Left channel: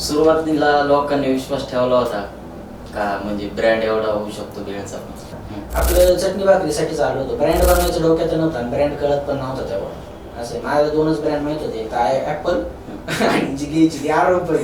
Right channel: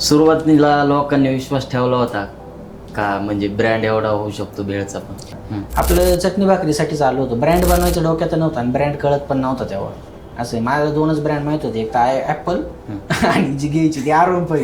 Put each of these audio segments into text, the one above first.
सुरुवातीला लोकांनी विश्वास ठेवला होता का म्हणजे ब्रँड एवढा होऊ शकतो भेळचा पण? आपलं चटणी भाकरीसाठी चालू होतं. ब्रँड बनवायचं डोक्यात नव्हतं आणि ब्रँड कळत पण नव्हता तेव्हा. असं माझ्या दोनच ब्रँड माहित होते, एक काय ऍपल आणि जी घ्यायची ती आरोग्य.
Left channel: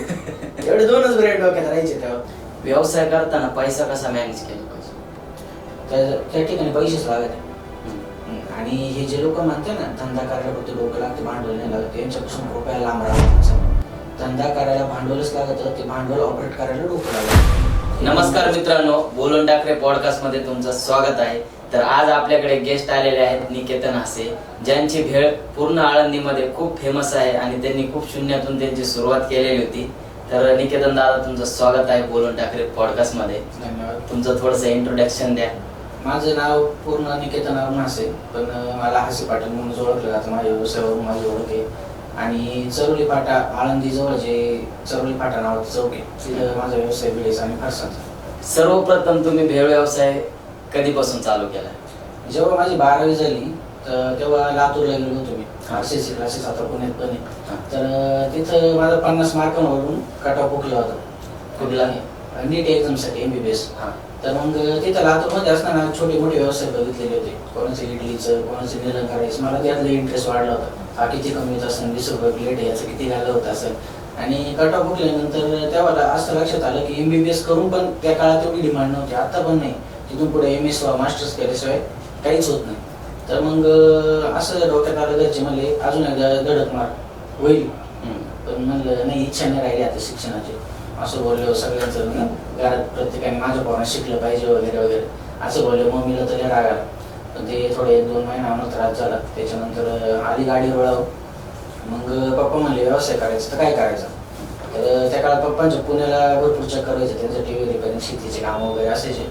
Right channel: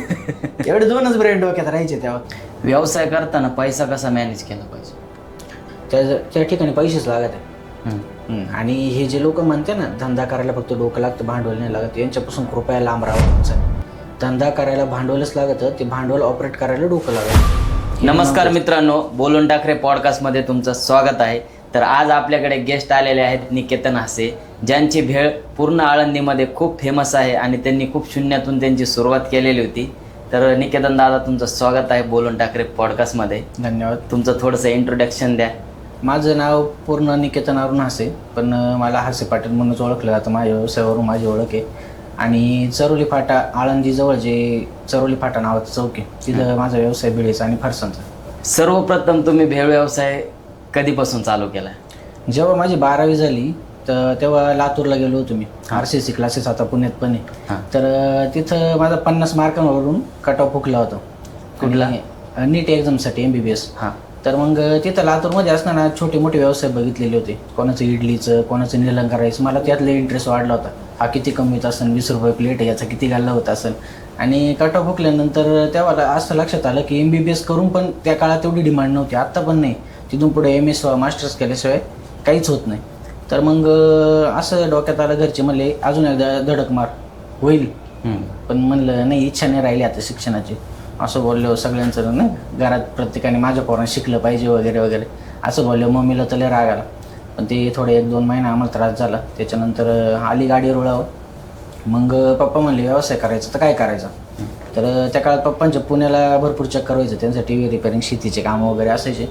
एवढे दोनच ब्रँड डोक्यात राहायचे तेव्हा. व्यवसाय करताना पैसा कसा मॅनेज केला पाहिजे? त्या ठिकाणी पैसेच लागत आहे. आणि हे जे लोक म्हणते ना धंदा करायला फक्त डोकं लागतं, भांडवल नाही लागत, यांच्यापासून कृपया लांब राहावं. धंदा करायला भांडवलच लागतं, ते भांडवल ऑपरेट करायला डोकं लागतं. नमस्कार मित्रांनो, बोलून टाकरे पॉडकास्ट मध्ये तुमचं स्वागत आहे. तर आज आपल्याकडे गेस्ट आलेले आहेत निकेतन हासे, ज्यांची भेळ पूर्ण आळंदीमध्ये खूप फेमस आहे आणि त्यांनी खूप शून्यातून त्यांची सुरुवात केलेली होती. तर निकेतन दादा, तुमचं स्वागत आहे बोलून टाकरे पॉडकास्ट मध्ये. धन्यवाद. तुमचं थोडंसं इंट्रोडक्शन द्या. माझं नाव पूर्ण निकेतन अरुण हासे, पण मला हासे पाटील म्हणूनच ओळखलं जातं. माझ्या व्यवसायावरून माझी ओळख आहे. आणि चरोली फाटा, आळंदी जवळ जे चरोली फाटा नावाचं चौक आहे, तिथं माझा व्यवसाय भेळीचा आणि फरसांचा. सर्वप्रथम तुम्ही भेळ व्यवसाय कधीपासून चालू केला? जेव्हा माझी 12वी झाली तर तेव्हा लातूरला गेलो होतो मी. RCC क्लासेस आता पुण्यात पण आहे. तर तिथं माझा 50 मार्कांवरून कट ऑफ हुकला होता नीट एक्झामसाठी MBBS. तर मग तिथं लातूरमध्ये असताना छोटे मोठे व्यवसाय बघितलेले होते. कोणाचं इडलीचं, कोणाचं निलंग करायचं. मला त्यातला इंटरेस्ट वाढला होता. हा किती कमीत असेल, 20 रुपये प्लेट आहे, याचा किती घालला होता असेल. आणि कट ऑफ हुकल्यानंतर तेव्हा असं लक्षात आलं की MBBS करून पण त्या काळात एवढी डिमांड नव्हती, आत्ता पण नाही. तिथून पुढे MS मास्टर्स केल्याशिवाय काहीच होत नाही. तर मग असं डोक्यात आलं, घरचे म्हणले अजून एकदा धडक मार, होईल. पण म्हणलं नाही, इच्छा नाही राहिली आता शिक्षणाची. असं बोललो सगळ्यांचं ना घरात, प्रत्येकाने माझ्या पोरांना शिकलं पाहिजे वगैरे वगैरे असं बोललो. मम्मीला तर लय राग आला. पण ते थोडे 1-2 महिने आम्हाला त्रास झाला. त्याच्यानंतर आली गाडीवर वळावं. मग पप्पा म्हणले व्यवसाय करायचं तर काय करायचं. तर त्या काळात पप्पांच्या पुण्याला भरपूर चक्कर व्हायचं, त्यांचं TV रिपेअरिंग, शेतीचे कामं वगैरे असायचे.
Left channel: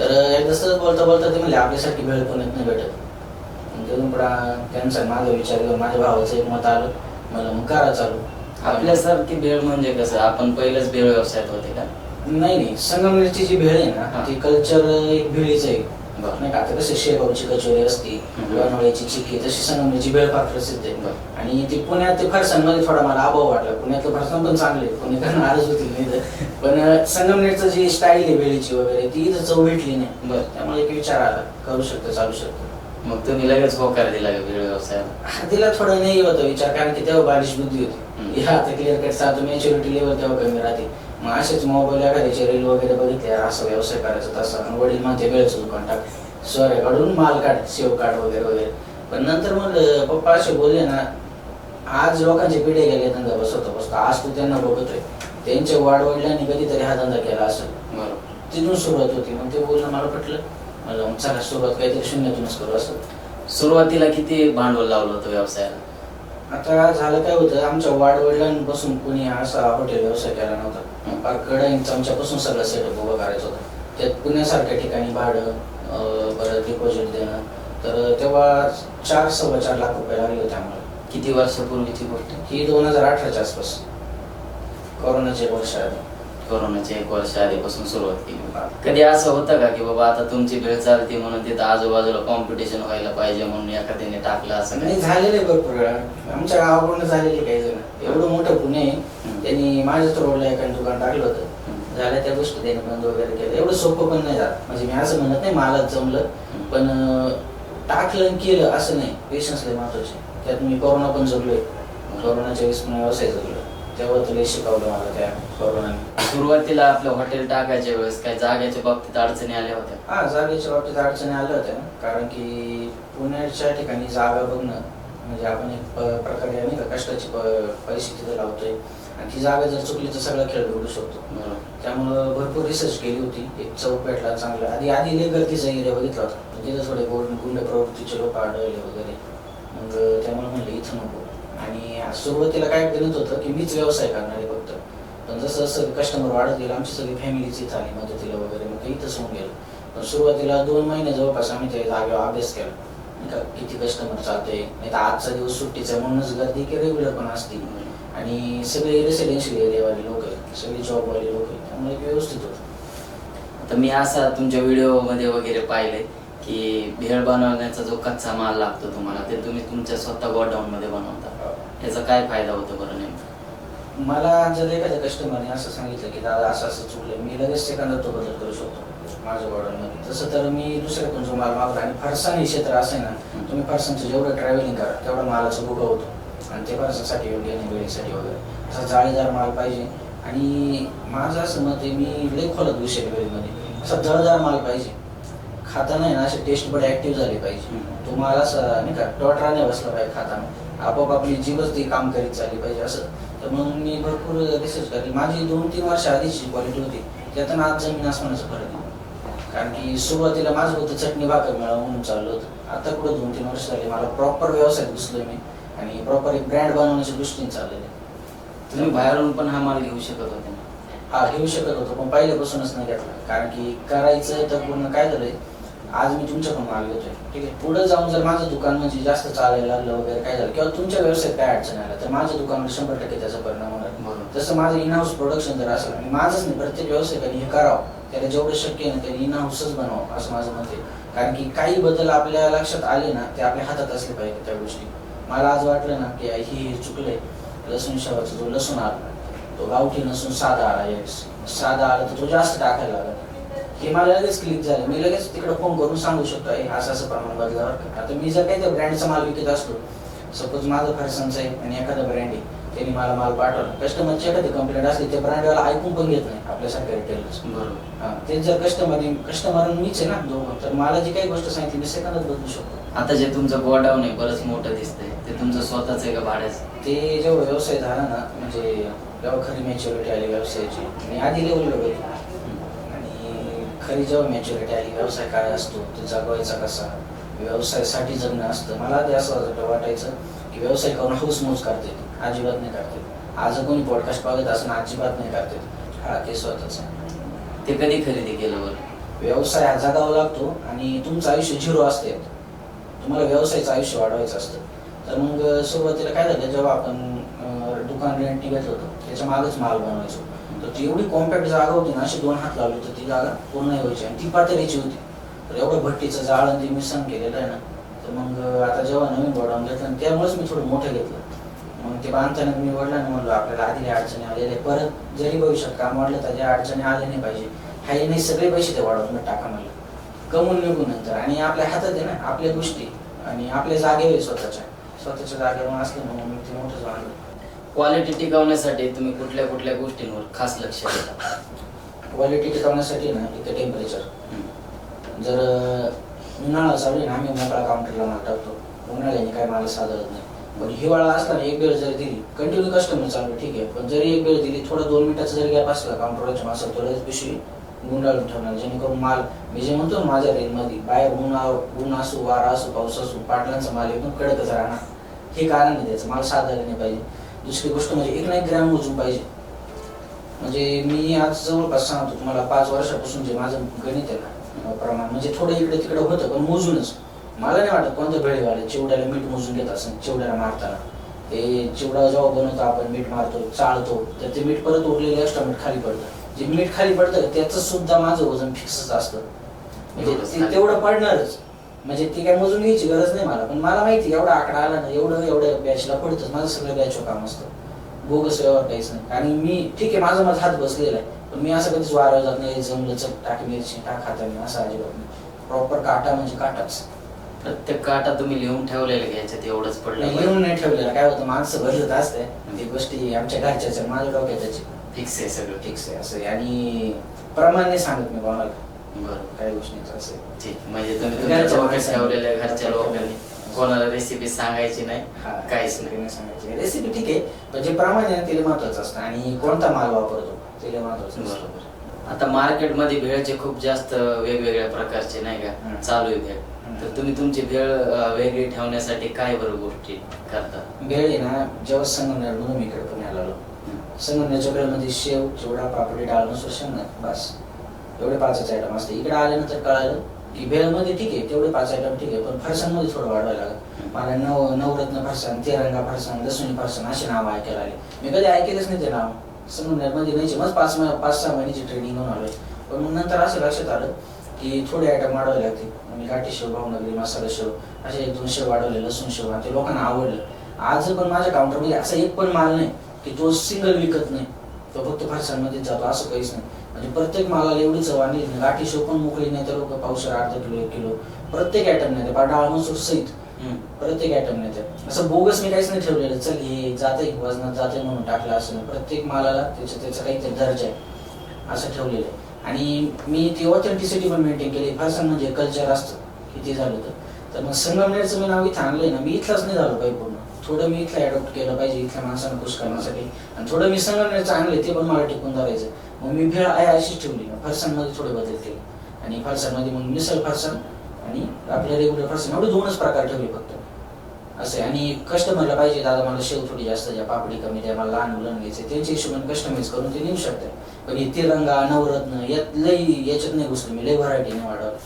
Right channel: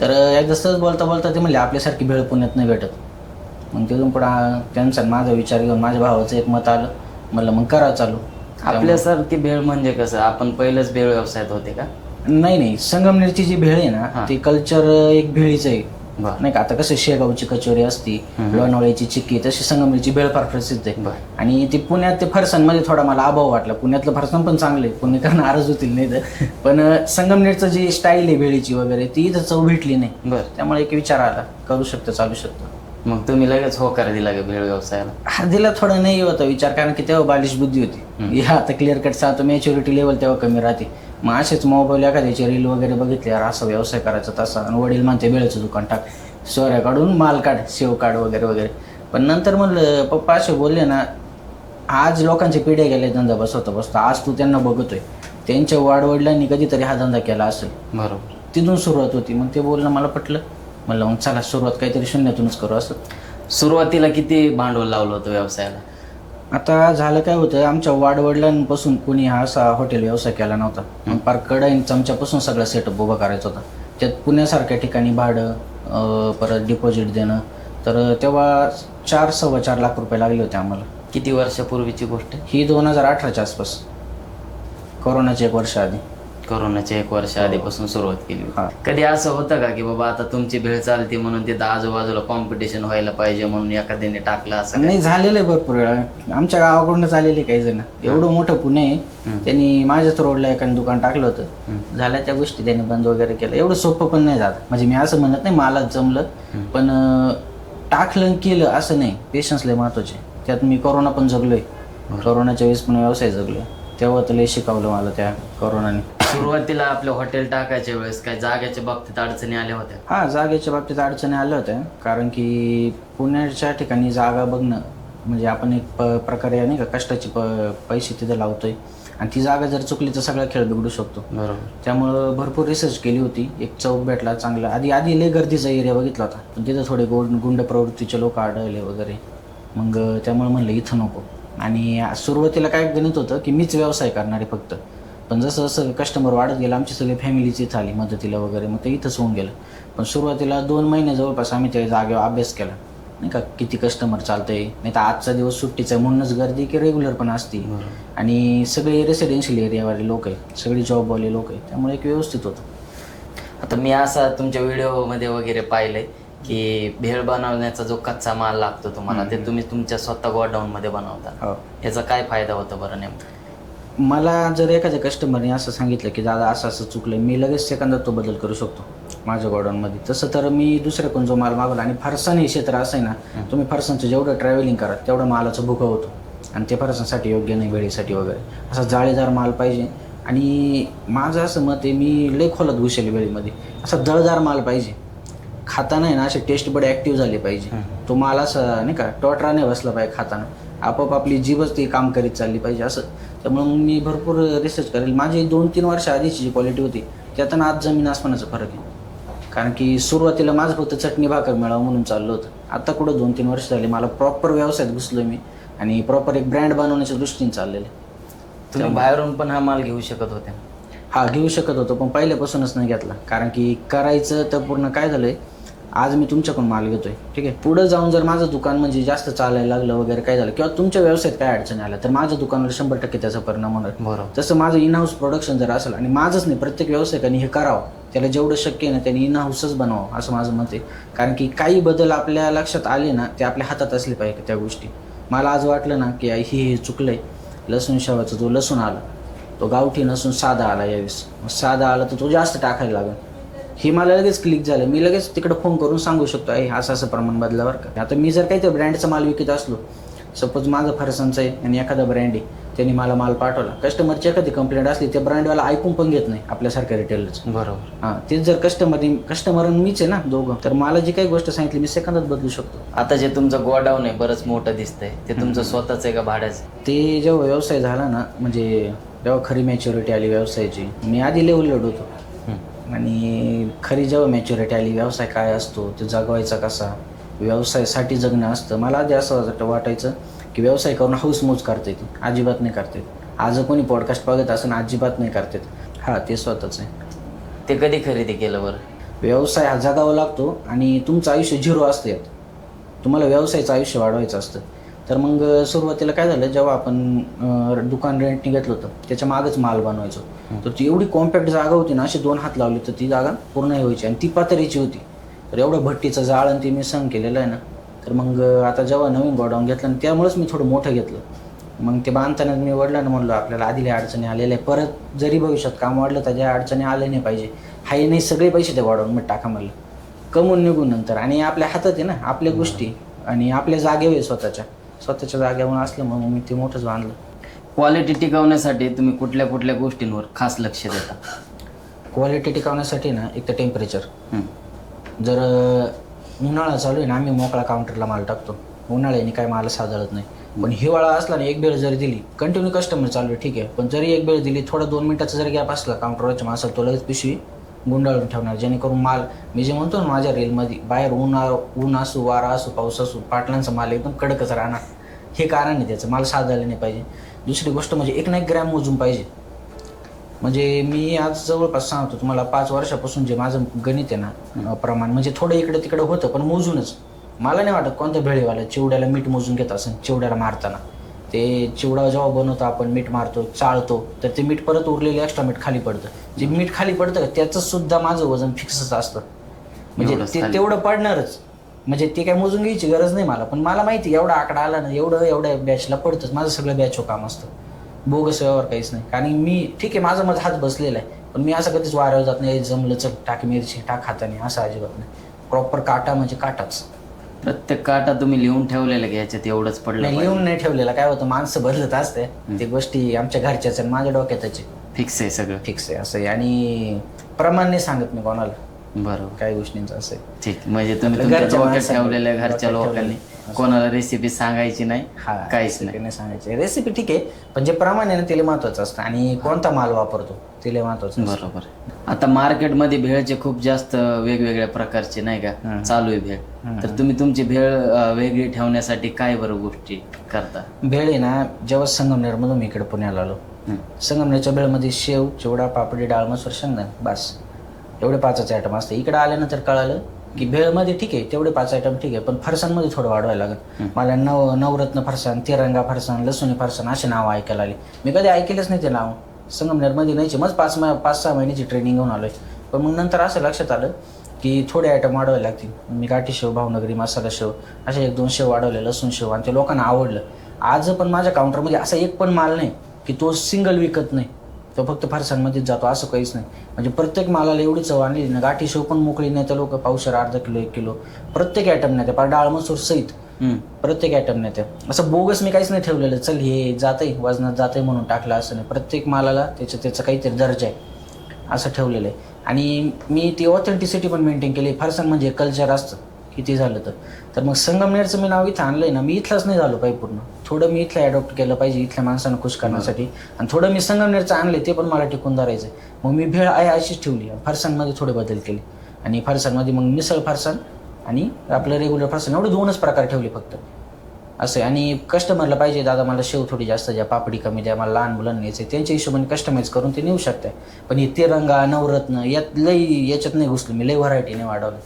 तर एकदा सहज बोलता बोलता ते म्हणले आपल्यासारखी वेळ पुण्यात नाही भेटत. मग तिथून पुढं त्यांचा माझा विचार घेऊन माझ्या भावाचं एक मत आलं. म्हणलं मग करा चालू. आपल्यासारखी भेळ म्हणजे कसं, आपण पहिलंच भेळ व्यवसायात होते का? नाही, संगमनेरची जी भेळ आहे ना ती कल्चर एक भेळीच आहे, नाही का. आता कसं शेगावची कचोरी असती, लोणावळ्याची चिक्की, तशी संगमनेरची भेळ फार प्रसिद्ध आहे. आणि ती पुण्यात ते फरसांमध्ये थोडा मला अभाव वाटला. पुण्यातलं फरसाण पण चांगले, पुणेकर नाराज होतील नाही तर. पण संगमनेरचं जी स्टाईल आहे भेळीची वगैरे ती इथं चव भेटली नाही. त्यामुळे एक विचार आला, करू शकतो, चालू शकतो. मग तुम्ही लगेच होकार दिला भेळ व्यवसायाला? दिला थोडा नाही होता विचार, कारण की तेव्हा बालिश बुद्धी होती. आता क्लिअर कट सांगतो, मॅच्युरिटी लेवल तेव्हा कमी राहते. मग असेच मोबाईल एखाद्याचे रील वगैरे बघितल्यावर असं व्यवसाय करायचा तसा. आणि वडील म्हणते वेळेचं दुकान टाक, सोऱ्या काढून माल काढ, शेव काढ वगैरे वगैरे. पण नंतर म्हणलं पप्पा असे बोलले ना, आज लोकांचे पिढ्या गेले धंदा बसवतो आज तू त्यांना बघतोय, त्यांच्या वाडवडिलांनी कधीतरी हा धंदा केला असेल. बरोबर, तिथून सुरुवात होती. मग ते बोलणं मला पटलं. म्हणलं मग चला सुरुवात काहीतरी शून्यातूनच करू. असं सुरुवातीला किती भांडवल लावलं होतं व्यवसायाला? आता झालं काय होतं, आमच्या वाडवडिलांपासून कोणी असा हॉटेल व्यवसाय केला नव्हता. फार कडाईन चमच्यापासून सगळा सेटअप उभा करायचा होता. त्यात पुण्यासारख्या ठिकाणी भाडं, परत डिपॉझिट देणं. तर तेव्हा 4-4.25 लाख रुपये लागले होते आम्हाला. किती वर्षापूर्वीची गोष्ट ही? 2018च्या आसपास, कोरोनाच्या 1 वर्ष आधी. कोरोनाच्या 1 वर्ष आधीपासून सुरुवात केली. कधी असं होतं का की बाबा आता तुमची भेळ चालते म्हणून तिथं आजूबाजूला कॉम्पिटिशन व्हायला पाहिजे म्हणून एखाद्याने टाकलं असं? नाही, झालेलं आहे भरपूर वेळा. आमच्या गावाकडून झालेले काही जण. एवढं मोठं पुणे, त्यांनी माझ्याच रोडला एखादं दुकान टाकलं होतं. झाल्या त्या गोष्टी त्यांनी बंद वगैरे केलं. एवढं सोपं पण नाही जात. म्हणजे मी असं म्हणत नाही मला जमलं, पण टाकलं केलं असं नाही. पेशन्स लय महत्वाचे. त्यात मी कोरोना पण जगलोय. कोरोनाच्या वेळेस पण व्यवसाय जगलो. तेव्हा तुला शिकवलं मला त्या कोरोनाने. सुरुवातीला आपलं हॉटेल टाकायच्या वेळेस काही जागेच्या बाबतीत अडचणी आल्या होत्या? हा, जागेच्या बाबतीत अडचणी आल्या होत्या. कारण की पुण्याच्या ठिकाणी जागा बघणं म्हणजे आपण एक प्रकारे नाही का कष्टाचे पैसे तिथे लावतोय. आणि ती जागा जर चुकली तर सगळा खेळ बिघडू शकतो. त्यामुळं भरपूर रिसर्च केली होती. एक चौक भेटला चांगला. आधी लय गर्दीचा एरिया बघितला होता, पण तिथं थोडे गुंड प्रवृत्तीचे लोक आढळले वगैरे. मग त्यामुळे म्हणलं इथं नको. आणि सुरुवातीला काय गणित होतं की मीच व्यवसाय करणार आहे फक्त. पण जसं जसं कस्टमर वाढत गेलं, आमची सगळी फॅमिलीच इथं आली मदतीला वगैरे. मग ते इथंच होऊन गेलं. पण सुरुवातीला 2 महिने जवळपास आम्ही त्या जागेवर अभ्यास केला, नाही का, किती कस्टमर चालतंय. नाही तर आजचा दिवस सुट्टीचा म्हणूनच गर्दी की रेग्युलर पण असतील. आणि सगळे रेसिडेन्शियल एरियावाले लोक आहे, सगळे जॉबवाले लोक आहे. त्यामुळे एक व्यवस्थित होतं. आता मी असा तुमच्या व्हिडिओमध्ये वगैरे पाहिलंय की भेळ बनवण्याचा जो कच्चा माल लागतो तुम्हाला, ते तुम्ही तुमच्या स्वतः गोडाऊन मध्ये बनवता. ह्याचा काय फायदा होतो बरं नेमका? मला जर एखाद्या कस्टमरने असं सांगितलं की दादा असं असं चुकलं, मी लगेच सेकंदात तो बदल करू शकतो माझ्या गोडाऊनमध्ये. तसं तर मी दुसऱ्याकडून जो माल मागवला, आणि फरसाण हे क्षेत्र असं आहे ना, तुम्ही फरसाणचं जेवढं ट्रॅव्हलिंग करा तेवढं मालाचं भुका होतो, आणि ते फरसाणसाठी योग्य नाही, वेळेसाठी वगैरे. असा जाळीदार माल पाहिजे. आणि माझं असं मत आहे, मी लई खोलात घुसेल वेळेमध्ये, असा जळदार माल पाहिजे. खाताना आहे ना असे टेस्ट बड ॲक्टिव्ह झाले पाहिजे. तो माल असं नाही का टोटरा नाही बसला पाहिजे खाताना, आपोआप आपली जीभच ती काम करीत चालली पाहिजे असं. तर म्हणून मी भरपूर रिसर्च करेल. माझी 2-3 वर्ष आधीची जी क्वालिटी होती त्यातून आज जमीन आसमानाचा फरक आहे. कारण की सुरुवातीला माझं होतं चटणी भाकर मिळावं म्हणून चाललं होतं. आता कुठं 2-3 वर्ष झाली मला प्रॉपर व्यवसायात घुसलोय मी, आणि प्रॉपर एक ब्रँड बनवण्याच्या दृष्टीने चाललेलं आहे. तुम्ही बाहेरून पण हा माल घेऊ शकत होते ना? हा, घेऊ शकत होतो, पण पहिल्यापासूनच नाही घेतला. कारण की करायचं तर पूर्ण काय झालंय, आज मी तुमच्याकडून माल घेतोय, ठीक आहे, पुढे जाऊन जर माझं दुकान म्हणजे जास्त चालायला लागलं वगैरे काय झालं, किंवा तुमच्या व्यवसायात काय अडचण आल्या, तर माझ्या दुकानावर 100% त्याचा परिणाम होणार. बरोबर. जसं माझं इन हाऊस प्रोडक्शन जर असेल, आणि माझंच नाही प्रत्येक व्यावसायिकाने हे करावं, त्याला जेवढं शक्य आहे ना त्यांनी इन हाऊसच बनावं असं माझं मत आहे. कारण की काही बदल आपल्या लक्षात आले ना, ते आपल्या हातात असले पाहिजे त्या गोष्टी. मला आज वाटलं ना की हे चुकलंय, लसूण शेवाचा जो लसूण आला तो गावठी नसून साधा आला, यावेळेस साधा आला तर तो जास्त टाकायला लागला, हे मला लगेच क्लिक झालं. मी लगेच तिकडे फोन करून सांगू शकतो असं असं प्रमाण बदलावर का. आता मी जर काही त्या ब्रँडचा माल विकत असलो, सपोज माझं फरसाणचं आहे आणि एखादा ब्रँड आहे, त्यांनी मला माल पाठवला, कस्टमरची एखादी कंप्लेंट असली, त्या ब्रँडवाला ऐकून पण घेत नाही आपल्यासारख्या रिटेलर्स. बरोबर. हां, तेच जर कस्टमर मीच आहे ना दोघं, तर मला जी काही गोष्ट सांगितली मी सेकंदात बदलू शकतो. आता जे तुमचं गोडाऊन आहे बरंच मोठं दिसतंय, ते तुमचं स्वतःच आहे का भाड्याचं? ते जेव्हा व्यवसाय झाला ना, म्हणजे जेव्हा खरी मॅच्युरिटी आली व्यवसायाची, मी आधी लेवलवर होतो, आणि खरी जेव्हा मॅच्युरिटी आली, व्यवसाय काय असतो, तो जगवायचा कसा, व्यवसायासाठी जगणं असतं. मला आधी असं वाटायचं की व्यवसाय करून हाऊसमौज करता येते, अजिबात नाही करता येत. आज कोणी पॉडकास्ट बघत असं अजिबात नाही करता येत. हा, ते स्वतःच आहे. ते कधी खरेदी केलं बरं? व्यवसाय हा जगावा लागतो, आणि तुमचं आयुष्य 0 असते. तुम्हाला व्यवसायाचं आयुष्य वाढवायचं असतं. तर मग सुरुवातीला काय झालं, जेव्हा आपण दुकान रेंटने घेतलं होतं, त्याच्या मागच माल बनवायचो, तर ती एवढी कॉम्पॅक्ट जागा होती ना, अशी 2 हात लावली तर ती जागा पूर्ण व्हायची, आणि ती पातळीची होती. तर एवढं भट्टीचं जाळ आणि ते मी सहन केलेलं आहे ना. तर मग आता जेव्हा नवीन गोडाऊन घेतलं, आणि त्यामुळेच मी थोडं मोठं घेतलं. मग ते बांधताना मी वडिलांना म्हणलं, आपल्याला आधी अडचणी आलेल्या आहे, परत जरी भविष्यात काम वाढलं तर ज्या अडचणी आल्या नाही पाहिजे, हाय नाही सगळे पैसे त्या गोडाऊनमध्ये टाका म्हणलं, कमवून निघून नंतर. आणि आपल्या हातात आहे ना आपल्या गोष्टी, आणि आपल्या जागेवर स्वतःच्या जागेवर असलं, म्हणून मी ते मोठंच बांधलं. क्वालिटी टिकवण्यासाठी तुम्ही कुठल्या कुठल्या गोष्टींवर खास लक्ष देता? क्वालिटी टिकवण्यासाठी ना, एक तर टेम्परेचर. जर उन्हाळा चालू आहे ना, आम्ही मोकळा काउंटरला माल टाकतो, उन्हाळ्याने काय माल साधारत नाही. पण हिवाळा असला ना, एक वेळ जर दिली, कंटिन्यू कस्टमर चालू आहे, ठीक आहे, पण जरी एक वेळ दिली, थोडा 2 मिनिटाचा जर गॅप असला काउंटरवरच्या माणसाला, तो लगेच पिशवी गुंडाळून ठेवणार, जेणेकरून माल, मी जे म्हणतो ना माझ्या रेलमध्ये, बाहेर ऊन असो, वारा असो, पाऊस असो, पाटलांचा माल एकदम कडकच राहणार. हे कारण आहे त्याचं, माल साधायला नाही पाहिजे. दुसरी गोष्ट म्हणजे 1 ना 1 ग्रॅम मोजून पाहिजे. म्हणजे मी आज जवळपास सांगतो तुम्हाला, 5 वर्षापासून जे माझं गणित आहे ना, प्रमाण म्हणजे थोडं इकडे तिकडे होतं, पण मोजूनच. मला नाही वाटत कोणत्या भेळीवाल्या चिवड्याला मीठ मोजून घेत असेल. चिवड्याला मारताना ते चिवडा जेव्हा बनवतो आपण, मीठ मारतो, चाळतो, तर ते मीठ परत उरलेले एक्स्ट्रा मीठ खाली पडतं. जे मीठ खाली पडतं त्याचं सुद्धा माझं वजन फिक्सच असतं, म्हणजे ते तेवढं पडणारच. म्हणजे ते काय मोजून घ्यायची गरज नाही मला, पण मला माहिती एवढा आकडा आला ना, एवढ्या बॅचला पडतंच. माझं सगळं बॅचचं काम असतं, बोगस व्यवहार काहीच नाही. आणि मी ठीक आहे, माझा माझा हात बसलेला आहे, पण मी असं कधीच वाऱ्यावर जात नाही, जमलं चल टाक मिरची टाक हाताने, असं अजिबात नाही. प्रॉपर काटा म्हणजे काटाच. प्रत्येक काटा तुम्ही लिहून ठेवलेलं घ्यायचं, तेवढंच पडलं? लिहून नाही ठेवलेलं. काय होतं, माणसं बदलत असते, ते गोष्टी आमच्या घरच्याच आणि माझ्या डोक्यातच फिक्स आहे, सगळं फिक्स आहे असं आहे. आणि प्रमाण नाही सांगत मी कोणाला, बरोबर, काही गोष्टींचं असं. ठीक. म्हणजे तुम्ही तुमच्या डोक्यात ठेवलेल्या घरच्या लोकांनी कोणाला रेसिपी सांगायची नाही, काहीच नाही सांगायची. रेसिपी ठीक आहे, पण जे प्रमाण आहे ना ते महत्वाचं असतं, आणि कोणता माल वापरतो ते महत्वाचं. बरोबर. आता मार्केटमध्ये भेळचे खूप जास्त वेगवेगळ्या प्रकारचे नाही का चालू आहे भेळ, तर तुम्ही तुमची भेळ वेगळी ठेवण्यासाठी काय बरं गोष्टी करता? भेळ आहे ना, जेव्हा संगमनेर मधून मी इकडे पुण्याला आलो, संगमनेरच्या भेळमध्ये शेव, चिवडा, पापडी, डाळ, मसूर, शेंगदाणे, बस एवढे 5 आयटम असते. इकडे आल्यानंतर कळालं की भेळमध्ये ठीक आहे तेवढे 5 आयटम ठीक आहे, पण फरसाणमध्ये थोडं वाढवायला लागलं. मला नवरत्न फरसाण, तिरंगा फरसाण, लसूणी फरसाण अशी नावं ऐकायला आली. मी कधी ऐकलेच नाही ते नाव. संगमनेरमध्ये नाहीचे, मग 5-6 महिन्याची ट्रेनिंग घेऊन आलोय. पण मग नंतर असं लक्षात आलं की थोडे आयटम वाढवायला लागतील. मी काठी शेव, भावनगरी मसाला शेव असे 1-2 शेव वाढवले, लसूण शेव, आणि ते लोकांना आवडलं. आज पण माझ्या काउंटरमध्ये असा एक पण माल नाही की तो सिंगल विकत नाही, तो फक्त फरसांमध्येच जातो असं काहीच नाही. म्हणजे प्रत्येक मालाला एवढी चव आणली ना, गाठी शेव पण मोकळी नाही तर लोक पावशेर, अर्धा किलो, 1 किलो प्रत्येक आयटम नाही त्या डाळ मसूर सहित प्रत्येक आयटम नाही त्या. असं बोगस मी काहीच नाही ठेवलेलं, चल हे जातंय वजनात जातंय म्हणून टाकलं असं नाही. प्रत्येक मालाला त्याचा काहीतरी दर्जा आहे असं ठेवलेलं आहे. आणि मी ती ऑथेंटिसिटी पण मेंटेन केली. फरसाण म्हणजे कल्चर असतं किती झालं तर मग संगमनेरचं मी नाव इथं आणलंय ना, मी इथलाच नाही झालो पाहिजे पूर्ण, थोडं मी इथलं अडॉप्ट केलं पाहिजे इथल्या माणसांना खुश करण्यासाठी, आणि थोडं मी संगमनेरचं आणले ते पण मला टिकून धरायचं. मग मी भेळ आहे अशीच ठेवली, फरसाणमध्ये थोडे बदल केले, आणि फरसाणमध्ये मग मिसळ फरसाण आणि आपलं रेग्युलर फरसाण एवढे 2च प्रकार ठेवले फक्त असं. आणि कस्टमरला पाहिजे दादा मला शेव थोडी जास्त द्या, पापडी कमी द्या, मला लहान मुलांना घ्यायचे, त्यांच्या हिशोबाने कस्टमाइज करून ते नेऊ शकताय. पण हे तिरंगा, नवरत्न याच्यात नाही घुसलं मी, लई व्हरायटी नाही वाढवलं,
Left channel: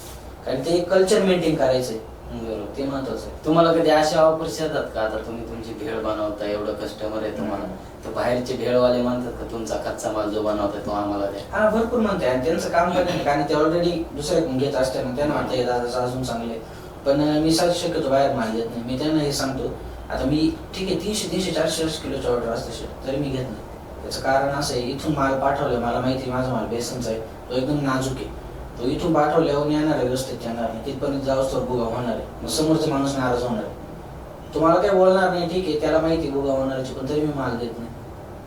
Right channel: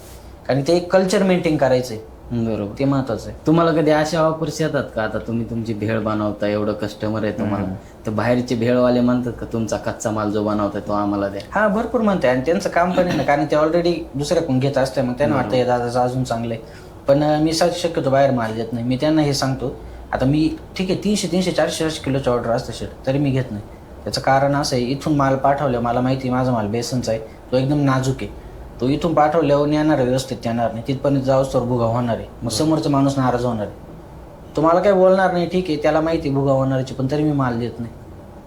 कारण ते एक कल्चर मेंटेन करायचंय. बरोबर, ते महत्वाचं आहे. तुम्हाला कधी अशा ऑफर्स येतात का, आता तुम्ही तुमची भेळ बनवता, एवढं कस्टमर आहे तुम्हाला, तर बाहेरचे भेळवाले म्हणतात का तुमचा कच्चा माल जो बनवताय तो आम्हाला द्या? हा, भरपूर म्हणते, आणि त्यांचं काम पण आहे ना, कारण ते ऑलरेडी दुसऱ्याकडून घेत असते, मग त्यांना वाटतं दादाचं अजून चांगलं आहे. पण मी शक्यतो बाहेर माल देत नाही. मी त्यांना हे सांगतो, आता मी ठीक आहे 300, 400 किलोची ऑर्डर असते शेट, तरी मी घेत नाही. त्याचं कारण असं आहे, इथून माल पाठवलं, मला माहिती माझा माल बेसनचा आहे, तो एकदम नाजूक आहे, तो इथून पाठवल्यावर येणार व्यवस्थित येणार नाही, तिथपर्यंत जाऊच तर भुगा होणार आहे, मग समोरचा माणूस नाराज होणार आहे, तुम्हाला काय बोलणार नाही, ठीक आहे, त्याला माहिती भुगा होणारची, पण तरी मी माल देत नाही.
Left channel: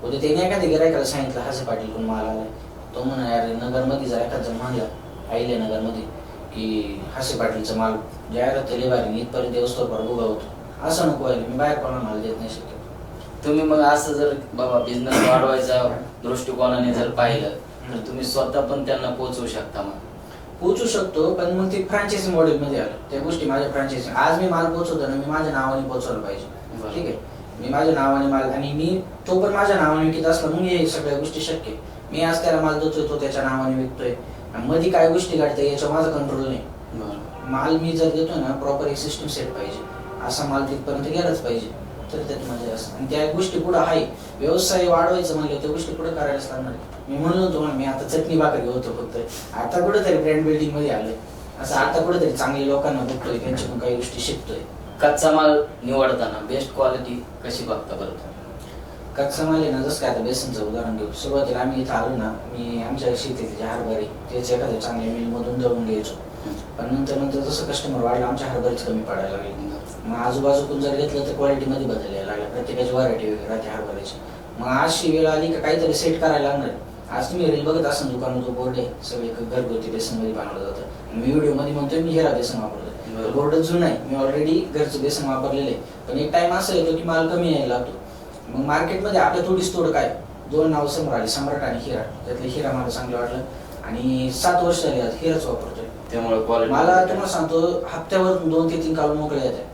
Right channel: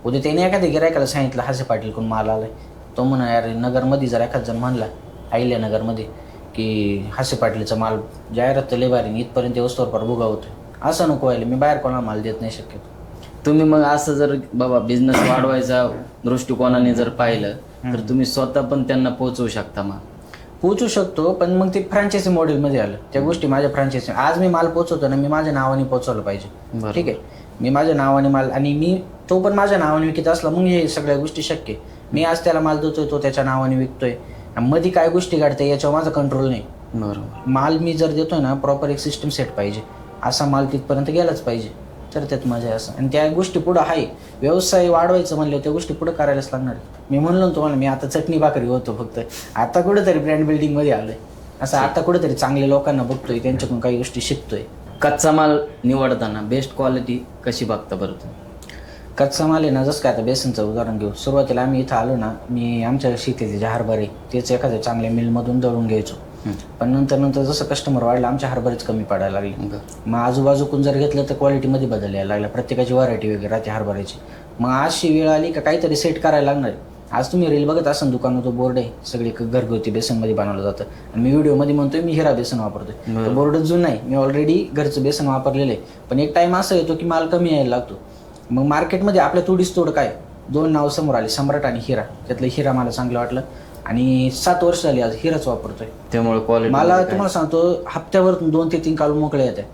उद्या त्याने एखाद्या गिरायकाला सांगितलं हासे पाटील कोण माल आलाय, तो म्हणा यार नगरमध्ये जर एखाद जण म्हणला आईल्या नगरमध्ये की हासे पाटीलचा माल जाहिरात लय भारी, इथपर्यंत वस्तूवर भुगा होतो, असं नको व्हायला, मी बाहेर कोणा माल देत नाही शक्य. तुम्ही मग असं जर बाबा बिझनेस वाढवायचा दृष्टिकोनाने जर पाहिलं तर तुम्ही स्वतः पण त्यांना पोहोचवू शकता? मग पोहोचू शकतो, पण मग ते फ्रँचायझी मॉडेल मध्ये आलं, त्या गोष्टी माझ्या फ्रँचायझी. आज मी माल पोहोचवतो ना, मी माझ्या नावाने पोहोचवलं पाहिजे, ठीक आहे, मी माझ्या नावाने माल, आणि मी तो पण माझ्या नावाने विकत असला मग हे सगळ्या गोष्टी शक्य. मी आज त्याला माल देतोय, तो त्याच्या नावाने विकतोय, मध्ये काय गोष्टी घडते याच्यावर माझा कंट्रोल नाही. बरोबर, माल मी जर देतोय ना, प्रॉपर एक सिस्टम सेट पाहिजे, असा माल तिथपर्यंत गेलाच पाहिजे, तर त्यात मजा आहे असं. आणि त्या गोष्टी पुढे आहे, व्यवसाय वाढवायचं म्हणलं त्या गोष्टी पुढे करायलाच लागणार. मी म्हणलो तुम्हाला, मी आता चटणी भाकरी होतो फक्त, आता कुठेतरी ब्रँड बिल्डिंग मध्ये आलोय असं, आता कुठेतरी चांगल्या लोकांना बघतोय, त्यांच्याकडून काही गोष्टी शिकतोय. कच्चा माल निवडताना बेस्ट क्वालिटी कशी बघता बरं? कच्चा माल आहे ना, जसं काय आता बेसनचं उदाहरण घेऊ, सुरुवातीला आम्ही इथं आलो ना, मी आमच्या शेतीतले जे हरभरे तेच एखाद्या चांगल्या मिलमधून दळून घ्यायचो, पण नंतर जसं कस्टमर वाढलं आमच्या हरभरेच कमी पडायला लागले. मग आजूबाजूकून जर घेतलं तर क्वालिटीमध्ये बदल यायला लागला, प्रत्येकाची व्हरायटी वगैरे राहते हरभऱ्याची. मग अशी वेळ आली का काहीतरी सेट करायला लागणार. आज तुम्ही रील बघत असाल, दुकानात जो बोर्ड आहे सगळे घरगुती बेसनमध्ये बनवलं जातं, मी व्हिडिओमध्ये म्हणतोय मी हिरा बेसन वापरतोय, बोर्ड जुना आहे, मी ऑलरेडी घरचं बेसन वापरलेलं आहे, पण एक टाइम असं येतो की माल कमी यायला लागतो. मग मार्केटमध्ये आपल्या थोडीच तोड काय, 2 नाव समोर आले, सम्राट आणि हिरा, त्यातलं हिरा मला चांगलं वाटलं, आणि 7 वर्ष झाली आज हिराच वापरतोय. त्यामुळे मला तुम्हाला सांगतो, हप्त्यावर 2 ते 3 काल मोकळे येते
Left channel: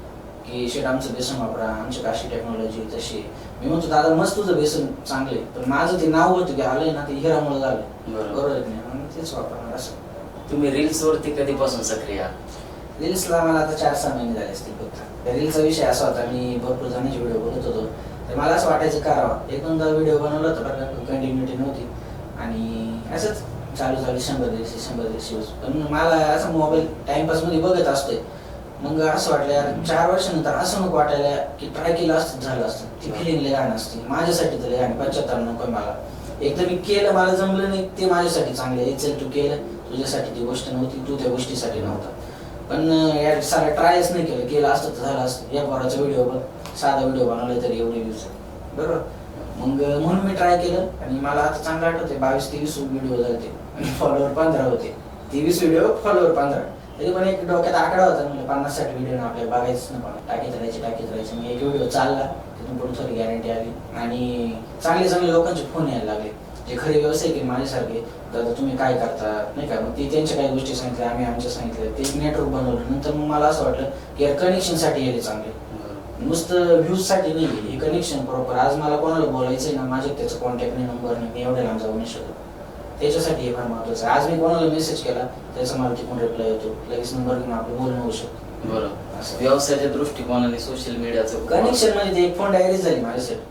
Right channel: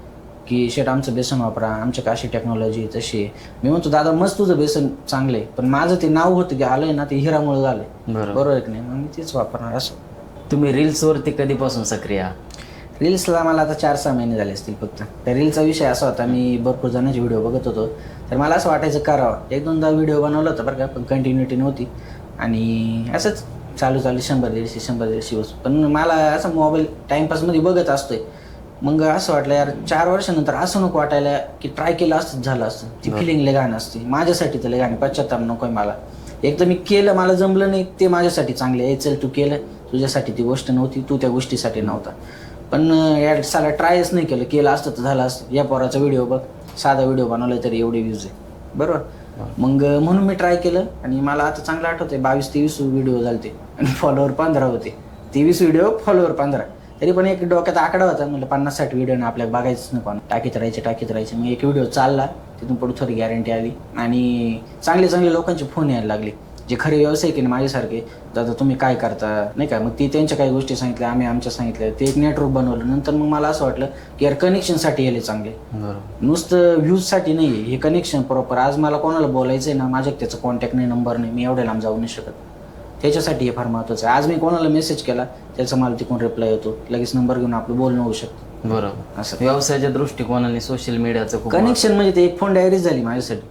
की शेट आमचं बेसन वापरा, आमची काशी टेक्नॉलॉजी तशी. मी म्हणतो दादा मस्त तुझं बेसन चांगलंय, पण माझं ते नाव होतं ते आलंय ना, ते हिरामुळे झालंय, बरोबर आहे की नाही, मी तेच वापरणार असं. तुम्ही रील्स वरती कधीपासून सक्रिय आहात? रील्सला मला आता 4-6 महिने झाले असतील फक्त. त्या रीलचा विषय असा होता, मी भरपूर जणांचे व्हिडिओ बघत होतो, तर मला असं वाटायचं करावं, 1-2दा व्हिडिओ बनवला होता बरं का, कंटिन्युटी नव्हती, आणि असंच चालू 100-150 व्ह्यूज. पण मला असं मोबाईल टाइमपासमध्ये बघत असतोय, मग असं वाटलं यार 4 वर्षानंतर असं नको वाटायला की ट्राय केलं असतं झालं असतं, ती फिलिंग लय घाण असते माझ्यासाठी, तर लय घाण, पश्चात्ताप नकोय मला. एक तर मी केलं, मला जमलं नाही, ते माझ्यासाठी चांगलं आहे, चल तू केलं, तुझ्यासाठी ती गोष्ट नव्हती, तू त्या गोष्टीसाठी नव्हता. पण यार सारा ट्रायच नाही केलं असतं तर झालं असतं. या पोराचा व्हिडिओ बघ, साधा व्हिडिओ बनवला तरी एवढे व्ह्यूज आहे, बरोबर. मग म्हणून मी ट्राय केलं, आणि मला आता चांगलं आठवतंय 22-23 व्हिडिओ झाले, आणि फॉलोअर 15 होते. 23 व्हिडिओ, फॉलोअर 15, तरी पण एक डोक्यात आकडा होता, म्हणजे 50-60 व्हिडिओ ना आपल्या बघायचं नको, टाकीत राहायचे. मी एक व्हिडिओ चालला, तिथून पुढे थोडी गॅरंटी आली, आणि चांगले लोकांचे फोन यायला लागले, जे खरे व्यवसाय की माझ्यासारखे, दादा तुम्ही काय करता नाही का, मग ते त्यांच्या काही गोष्टी सांगितल्या, आम्ही आमच्या सांगितल्या, ते एक नेटवर्क बनवलं. नंतर मग मला असं वाटलं की कनेक्शनसाठी यायला चांगले, नुसतं व्ह्यूजसाठी नाही, हे कनेक्शन प्रॉपर. आज मला कोणाला बोलायचंय ना, माझ्या त्याचं कॉन्टॅक्ट नाही, नंबर नाही, मी एवढ्या लांब जाऊ नाही शकत, त्याच्यासाठी हे फार महत्वाचं आहे. आज मी कोणाला मेसेज केला त्याचा मला तिकडून रिप्लाय येतो, लगेच नंबर घेऊन आपलं बोलणं होऊ शकतं. बरोबर, असं व्यवसायाच्या दृष्टिकोनाने सोशल मीडियाचं कनेक्शन म्हणजे ते एक फोन डायरी झाली माझ्यासाठी.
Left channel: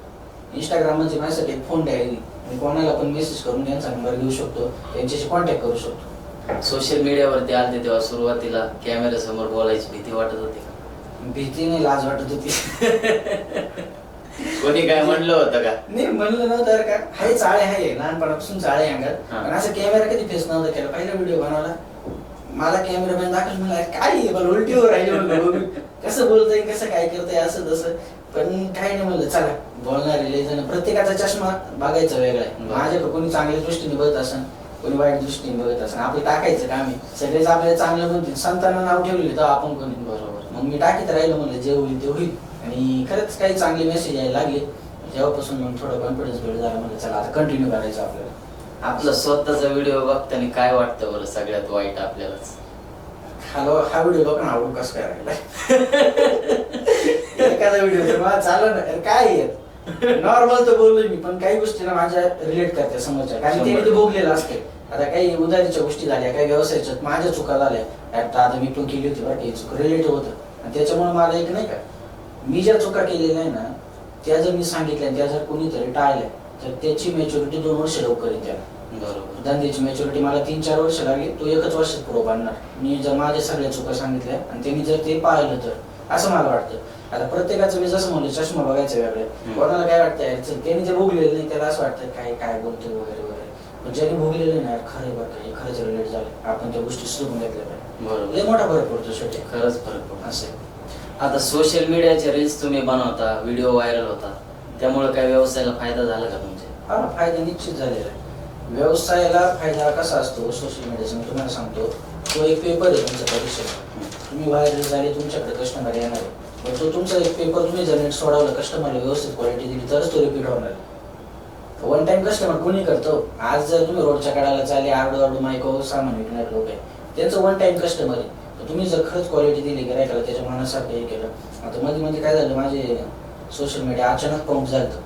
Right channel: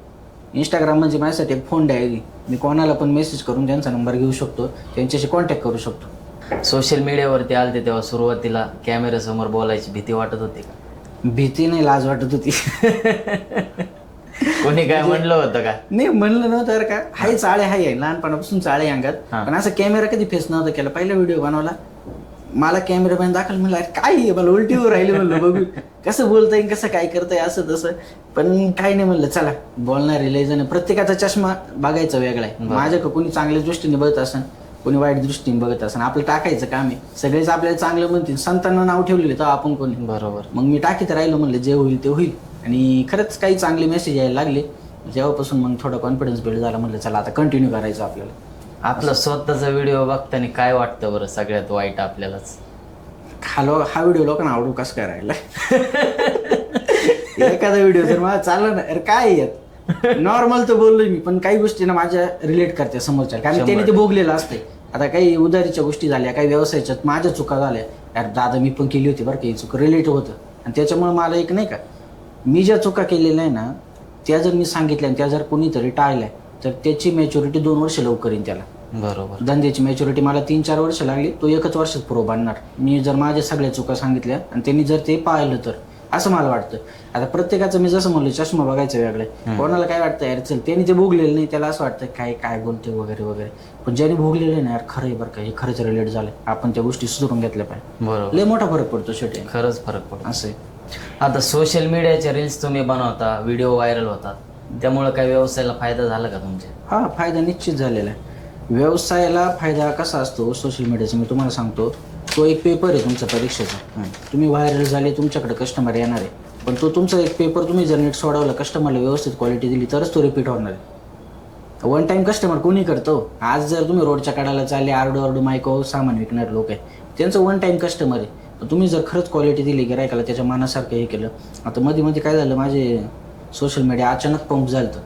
इंस्टाग्राम म्हणजे माझ्यासाठी एक फोन डायरी, मी कोणाला पण मेसेज करून त्यांचा नंबर घेऊ शकतो, त्यांच्याशी कॉन्टॅक्ट करू शकतो. सोशल मीडियावरती आलते तेव्हा सुरुवातीला कॅमेरा समोर बोलायची भीती वाटत होती का? भीती नाही, लाज वाटत होती. कोणी काय म्हणलं होतं का? नाही म्हणलं नव्हतं बरं का, हाय चाळे हाय लहानपणापासून चाळे अंगात. हा. पण असं कॅमेरा कधी फेस नव्हता केला. पहिला व्हिडिओ बनवला, मला कॅमेरामॅन दाखल म्हणला काय आहे, मला उलटीवर राहिलं म्हणलं बघू कसं बोलताय कसं काय करताय असं तसं. पण काय नाही म्हणलं चला बोलणारे लय जण, प्रत्येकाचा चष्मा बघायचा वेगळा आहे. माझ्याकडे कोणी चांगल्या दृष्टीने बघत असेल, कोणी वाईट दृष्टीने बघत असेल. आपलं टाकायचं काम आहे, सगळेच आपल्याला चांगलं म्हणतील. संतांना नाव ठेवलेलं तर आपण कोणी. बरोबर. मग मी टाकीत राहिलो, म्हणलं जे होईल ते होईल. आणि खरंच काही चांगले मेसेज यायला लागले जेव्हापासून मग थोडा कॉन्फिडन्स बिल्ड झाला. म्हणलं चला आता कंटिन्यू करायचं आपल्याला. आपला स्वतःचा व्हिडिओ बघताना काय वाटतं बरं सगळ्यात वाईट आपल्यालाच? हा व्हिडिओ लोकांना आवडू कसं करायला एखादा व्हिडिओ जर मला चालला ना अरे काय येत नॉर्मल तर बोललोय मी, पण काही गोष्टी ना माझ्या रिलेट करते समोरच्या, कारण त्याने ते भोगलेलं असते. आता काही उदारीच्या गोष्टी झाल्या, काही व्यवसायाच्या माझ्या चुका झाल्या, अरे दादा मी पण केली होती बरं काही चुक रिलेट होतं. आणि त्याच्यामुळे मला एक नाही का, मी ज्या चुका केलेल्या आहे ना त्या जर मी सांगितल्या आणि त्या जर कोणीतरी टाळल्या तर त्याची मॅच्युरिटी 2 वर्ष लवकर येईल त्याला. बरोबर. धंद्याची मॅच्युरिटी मला 3-4 वर्ष लागली, तो 1च वर्षात प्रूव्ह आणणार. मी जर माझ्या सगळ्या चुका सांगितल्या आणि त्यांनी जर ते पाहिलं तर, असं मला वाटतं. आता प्रत्येकाचं मी जसं म्हणलं चष्मा बघायचं वेगळे, कोणाला काय वाटतं यार चल त्यांनी ते भोगलेलं नाही त्याला असं वाटतं काय काय बोलतोय वगैरे वगैरे. पण ज्याने भोगलेलं नाही यार खरं आहे बरं का, हे खरंच रिलेट झालं, आपण त्या गोष्टी सुधारून घेतल्या पाहिजे. बरोबर. लय मोठा फरक पडतो शेवटी, खरंच फरक पडतो. असं आहे. आता सोशल मीडियाचे रील्स तुम्ही बनवता, व्हिडिओ व्हायरल होता, त्यामुळे काय व्यवसायाला फायदा झाला का तुमच्या? हा फायदा निश्चित झालेला आहे. व्यवसायाला फायदा कसा असतो सोशल मीडियाचा मी तुम्हाला सांगतो. तो एक पेपर आहे तुमचा परीक्षेचा. तुम्ही व्हायरल झाले, तुमच्याकडे कस्टमर येणार आहे, पण तो तुमचा एक पेपर तुम्ही जर नीट सोडवला, कस्टमरला व्यवस्थित क्वालिटी दिली तरच तो रिपीट होणार आहे. वन टाइम कस्टमर कोणी करतो? आज जर तुम्ही रोडच्या कडाला चालले आरडू मायको सामान विकणारे लोक आहे, त्यांचं वन टाइम कस्टमर आहे. तुम्ही जर खरंच क्वालिटी दिली गिरायकाला, त्याच्या मनासारखं हे केलं. आता मध्ये काय झालं, माझे सोशल मीडिया अचानक पंप झालं.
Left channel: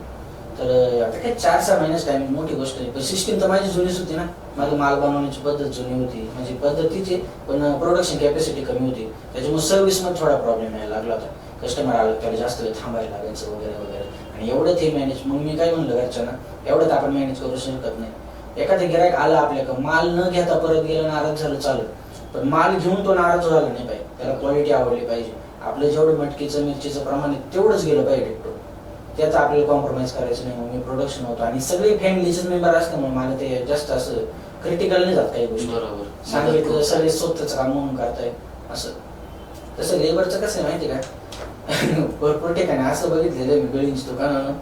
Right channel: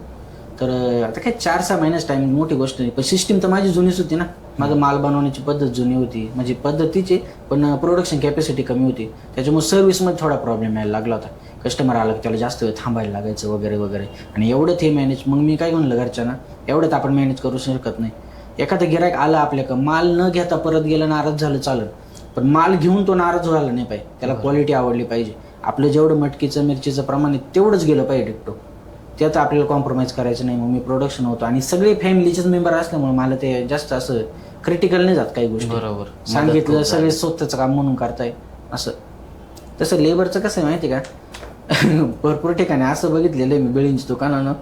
तर आता काय 4-6 महिन्याच टाइम, मोठी गोष्ट नाही. पण सिस्टीम तर माझी जुनीच होती ना, माझं माल बनवण्याची पद्धत जुनी होती, म्हणजे पद्धतीची, पण प्रोडक्शन कॅपॅसिटी कमी होती. त्याच्यामुळे सर्व्हिसमध्ये थोडा प्रॉब्लेम यायला लागला होता. कस्टमर आला त्याला जास्त वेळ थांबायला लागायचं वगैरे वगैरे. आणि एवढं ते मॅनेज, मग मी काय म्हणलं घरच्यांना, एवढं आपण मॅनेज करू शकत नाही. एखादं गिरायक आला आपल्याकडं, माल न घेता परत गेलं, नाराज झालं चालेल, पण माल घेऊन तो नाराज झाला नाही पाहिजे. त्याला क्वालिटी आवडली पाहिजे. आपलं जेवढं मटकीचं मिरचीचं प्रमाण आहे तेवढंच गेलं पाहिजे डिक्टो, त्यात आपल्याला कॉम्प्रोमाइज करायचं नाही. मग मी प्रोडक्शन होतो आणि सगळे फॅमिलीचेच मेंबर असल्यामुळे मला ते जास्त असं क्रिटिकल नाही जात काही गोष्टी. बरोबर. सांगितलं सगळे स्वतःचं काम म्हणून करताय असं. तसं लेबरचं कसं आहे माहिती का, भरपूर ठिकाणी असं बघितलेलं आहे मी, बिळींच्या दुकानानं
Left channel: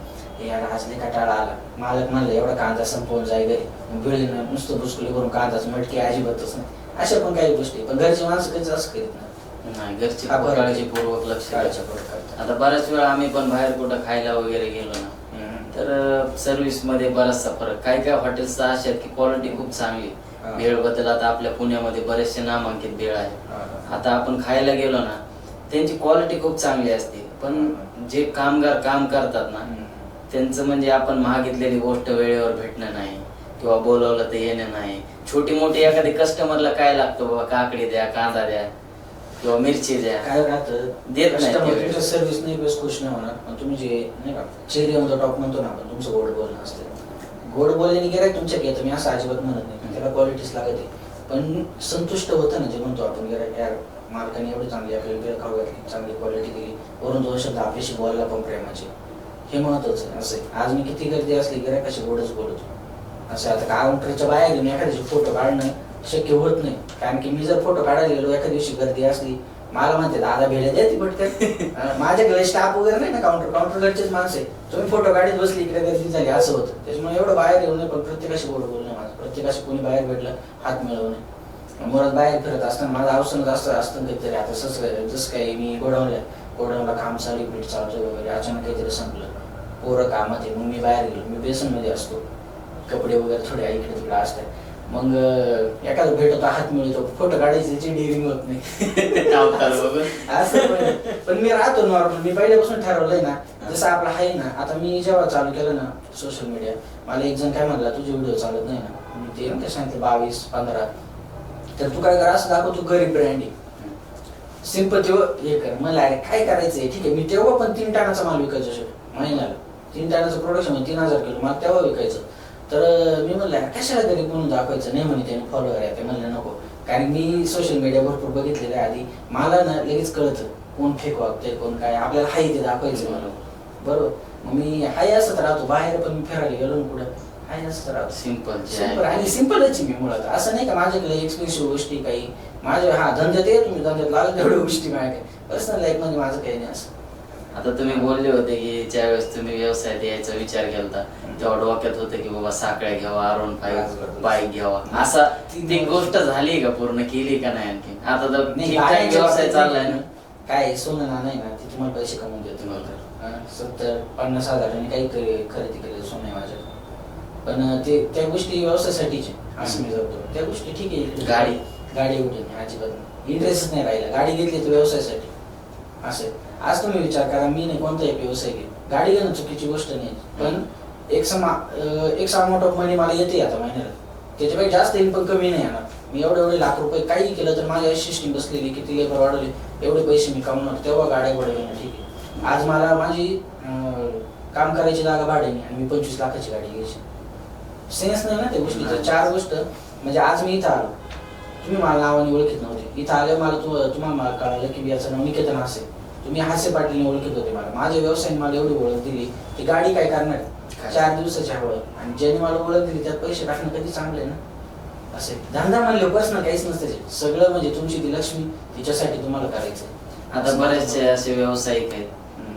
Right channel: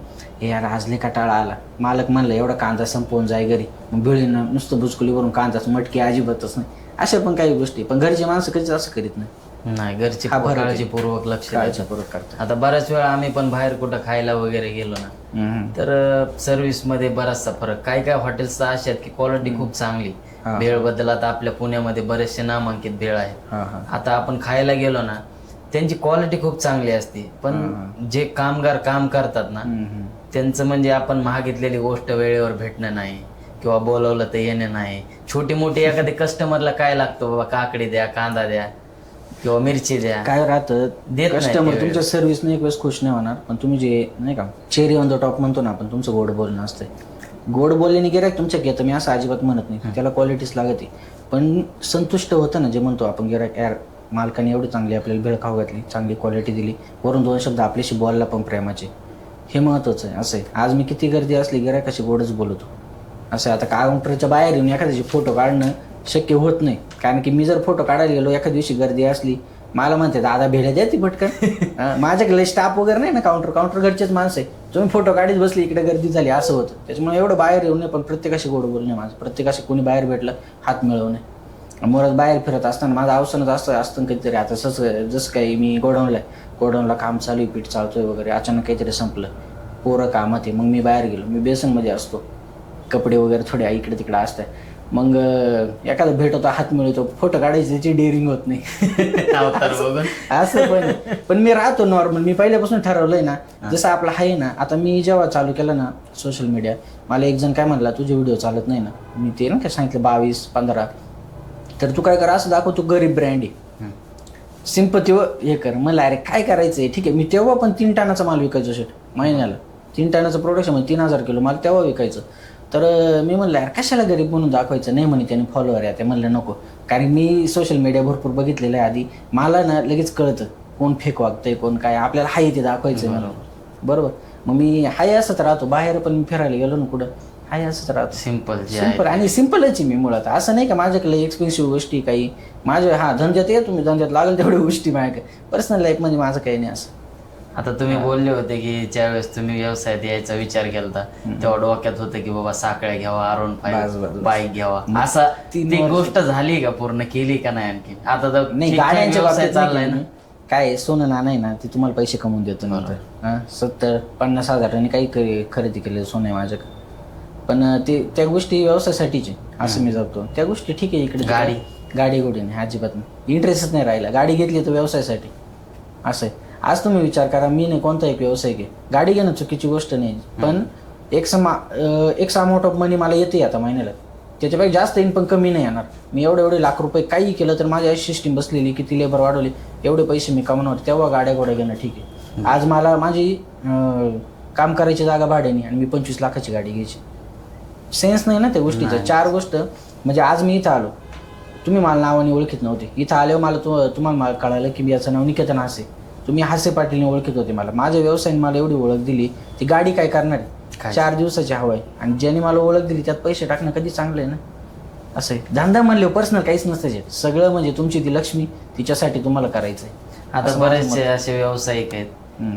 हे यार आज लय कंटाळा आला, मालक म्हणलं एवढा कांदा संपवून जाय घरी, बिळीनं नुसतं बुचकुली करून कांदाच मटकी अजिबातच नाही. अशा पण काही गोष्टी, पण घरचे माणसं कधीच असं करीत नाही. घरची काळजीपूर्वक लक्ष करतात. आता बऱ्याच वेळा आम्ही पण बाहेर कुठं खायला वगैरे गेलो ना, तर सर्व्हिस मध्ये बराचसा फरक. काही हॉटेल्स अशा आहेत की क्वालिटी खूप चांगली, भेळ बद्दल आता आपल्या पुण्यामध्ये बरेचसे नामांकित भेळ आहेत. आता आपण खायला गेलो ना, त्यांची क्वालिटी खूप चांगली असते, पण जे कामगार काम करतात ना त्यांचं म्हणजे आपण मागितलेली गोष्ट वेळेवर भेटणं नाही, किंवा बोलवलं तर येणं नाही. छोटी मोठी एखादी कस्टमरला काय लागतो, बाबा काकडी द्या, कांदा द्या किंवा मिरची द्या, काय राहतं कस्टमर तुमच्या सर्व्हिस नाही प्लस खुश नाही होणार. पण तुम्ही जे नाही का चेरी ऑन द टॉप म्हणतो ना आपण, तुमचं गोड बोलणं असतं. गोड बोलल्याने गिरायक तुमच्या घेतं, मी असं अजिबात म्हणत नाही, त्याला क्वालिटीच लागते. पण संतुष्ट होतं ना जे म्हणतो आपण, गिरायक यार मालकाने एवढी चांगली आपल्याला भेळ खाऊ घातली, चांगली क्वालिटी दिली, वरून 2 शब्द आपल्याशी बोलला पण प्रेमाचे, हे महत्वाचं आहे. असं आहे, आज मी किती गर्दी असली गिरायकाशी गोडच बोलतो. असं आता काउंटरच्या बाहेर येऊन एखाद्याची फोटो काढणं शक्य होत नाही, कारण की मी जर फोटो काढायला गेलो एखाद्या दिवशी गर्दी असली, मला म्हणते दादा भेड्या द्या ती पटकन. माझ्याकडे स्टाफ वगैरे नाही ना, काउंटर घरचेच माणसं आहे, तुम्ही फोटो काढीत बसली इकडे गर्दी झाली असं होतं. त्याच्यामुळे एवढं बाहेर येऊ नये, पण प्रत्येकाशी गोड बोलणे माझं, प्रत्येकाशी कोणी बाहेर भेटलं हात मिळवणे. मुळात बाहेर फिरत असताना माझं अवसरच असतं कधीतरी. आता जसं काही मी गोडाऊनला काम चालू, पीठ चालतोय वगैरे, अचानक काहीतरी संपलं, पोरं कामात आहे, मग मी बाहेर गेलो, मी बेसनमध्ये असतो, कपडे वगैरे थोडे इकडे तिकडे असतात, मग एखादा भेट होता, हात मिळतो, फोटो काढायची त्याची डेअरिंग होत नाही. असं पण मी राहतो नॉर्मल, मी पहिल्यापासून ठरवलंय ना, जसं आपलं आहे ना. आता मी जेव्हा चालू केलं ना सोशल मीडिया, मला एक जण काय म्हणला, तुझे व्हिडिओ चालत नाही ना, मी ते ना काय सांगितलं 22-15, तर तू काय कर असं दाखव तू गरीब ब्रँड आहे, सिंपती हे कर. मला अरे काय करायचंय, ठीक आहे. मी तेव्हा पण 3 टनाचा माल विकायचो शेट महिन्याला, 3 टनाचं प्रोडक्शन म्हणजे 3000 किलो माल तेव्हा विकायचं. तर मी म्हणलं यार कशाला गरीब म्हणून दाखवायचं, नाही म्हणे त्याने फॉलोअर आहे, ते म्हणलं नको, कारण मी सोशल मीडिया भरपूर बघितलेलं आहे आधी, मला ना लगेच कळतं कोण फेक वागतंय कोण काय, आपल्याला हाय ते दाखवायचं मला, बरोबर. मग मी हाय असत राहतो बाहेर, पण मी फिरायला गेलो ना कुठं हाय असत राहतो. सिंपल जे सिंपल आहे. आणि सिंपलच आहे मी मुळात. असं नाही का माझ्याकडे एक्सपेन्सिव्ह गोष्टी काही माझ्या धंद्यात आहे, तुम्ही धंद्यात लागेल तेवढ्या गोष्टी माझ्याकडे. पर्सनल लाईफ मध्ये माझं काही नाही असं. आता तुम्ही बोलले होते की ज्यावेळेस तुम्ही व्यवसायात यायचा विचार केला तेव्हा डोक्यात होते की बाबा साखळ्या घ्यावा, आरोन बस, बस. बाईक घ्यावा, मग असा ती ती वर्ष- गोष्ट झाली का, पूर्ण केली का नाही आणखी? आता तर नाही ठीक-ठाक गाड्यांच्या व्यवसाय बाबतीत चाललाय ना. काय सोनं ना नाही ना ती तुम्हाला पैसे कमवून देतो नंतर. 70-50 हजारांनी काही खरेदी केले सोनं आहे माझ्याकडे. पण ते त्या गोष्टी व्यवसायासाठीचे असं मी जातो. त्या गोष्टी ठीक आहे. इकडे गाडी गोडी नाही अजिबात नाही, इंटरेस्टच नाही राहिला. गाडी घेतली तर व्यवसायासाठी असं आहे. आज तुम्ही विचार करा, मी नाही कोणता एक व्यवसाय घे, गाडी घेणं चुकीची गोष्ट नाही, पण एक अमाऊंट ऑफ मनी मला येते आता महिन्याला, त्याच्यापेक्षा जास्त इन्कम कमी नाही येणार. मी एवढे लाख रुपये काही केलं तर माझी अशी सिस्टीम बसलेली, किती लेबर वाढवली एवढे पैसे मी कमवणार, तेव्हा गाड्या घोड्या घेणं ठीक आहे. आज मला माझी काम करायची जागा भाड्याने आणि मी 25 लाखाची गाडी घ्यायची, सेन्स नाही ना त्या गोष्टीचा. नाही. 4 गोष्ट म्हणजे आज मी इथं आलो, तुम्ही मला नावाने ओळखीत नव्हते, इथं आल्यावर मला तुम्हाला कळालं की याचं नाव निकेतन हासे, तुम्ही हासे पाटीलने ओळखीत होते मला. माझ्या व्यवसायाने मला एवढी ओळख दिली, ती गाडी काय करणार काय? 4 दिवसाची हवा आहे, आणि ज्याने मला ओळख दिली त्यात पैसे टाकणं कधी चांगलं आहे ना. असं आहे धंदा म्हणले पर्सनल काहीच नसतं, सगळं म्हणजे तुमची ती लक्ष्मी तिच्यासाठी तुम्हाला करायचंय. आता बरेचसे असे व्यावसायिक आहेत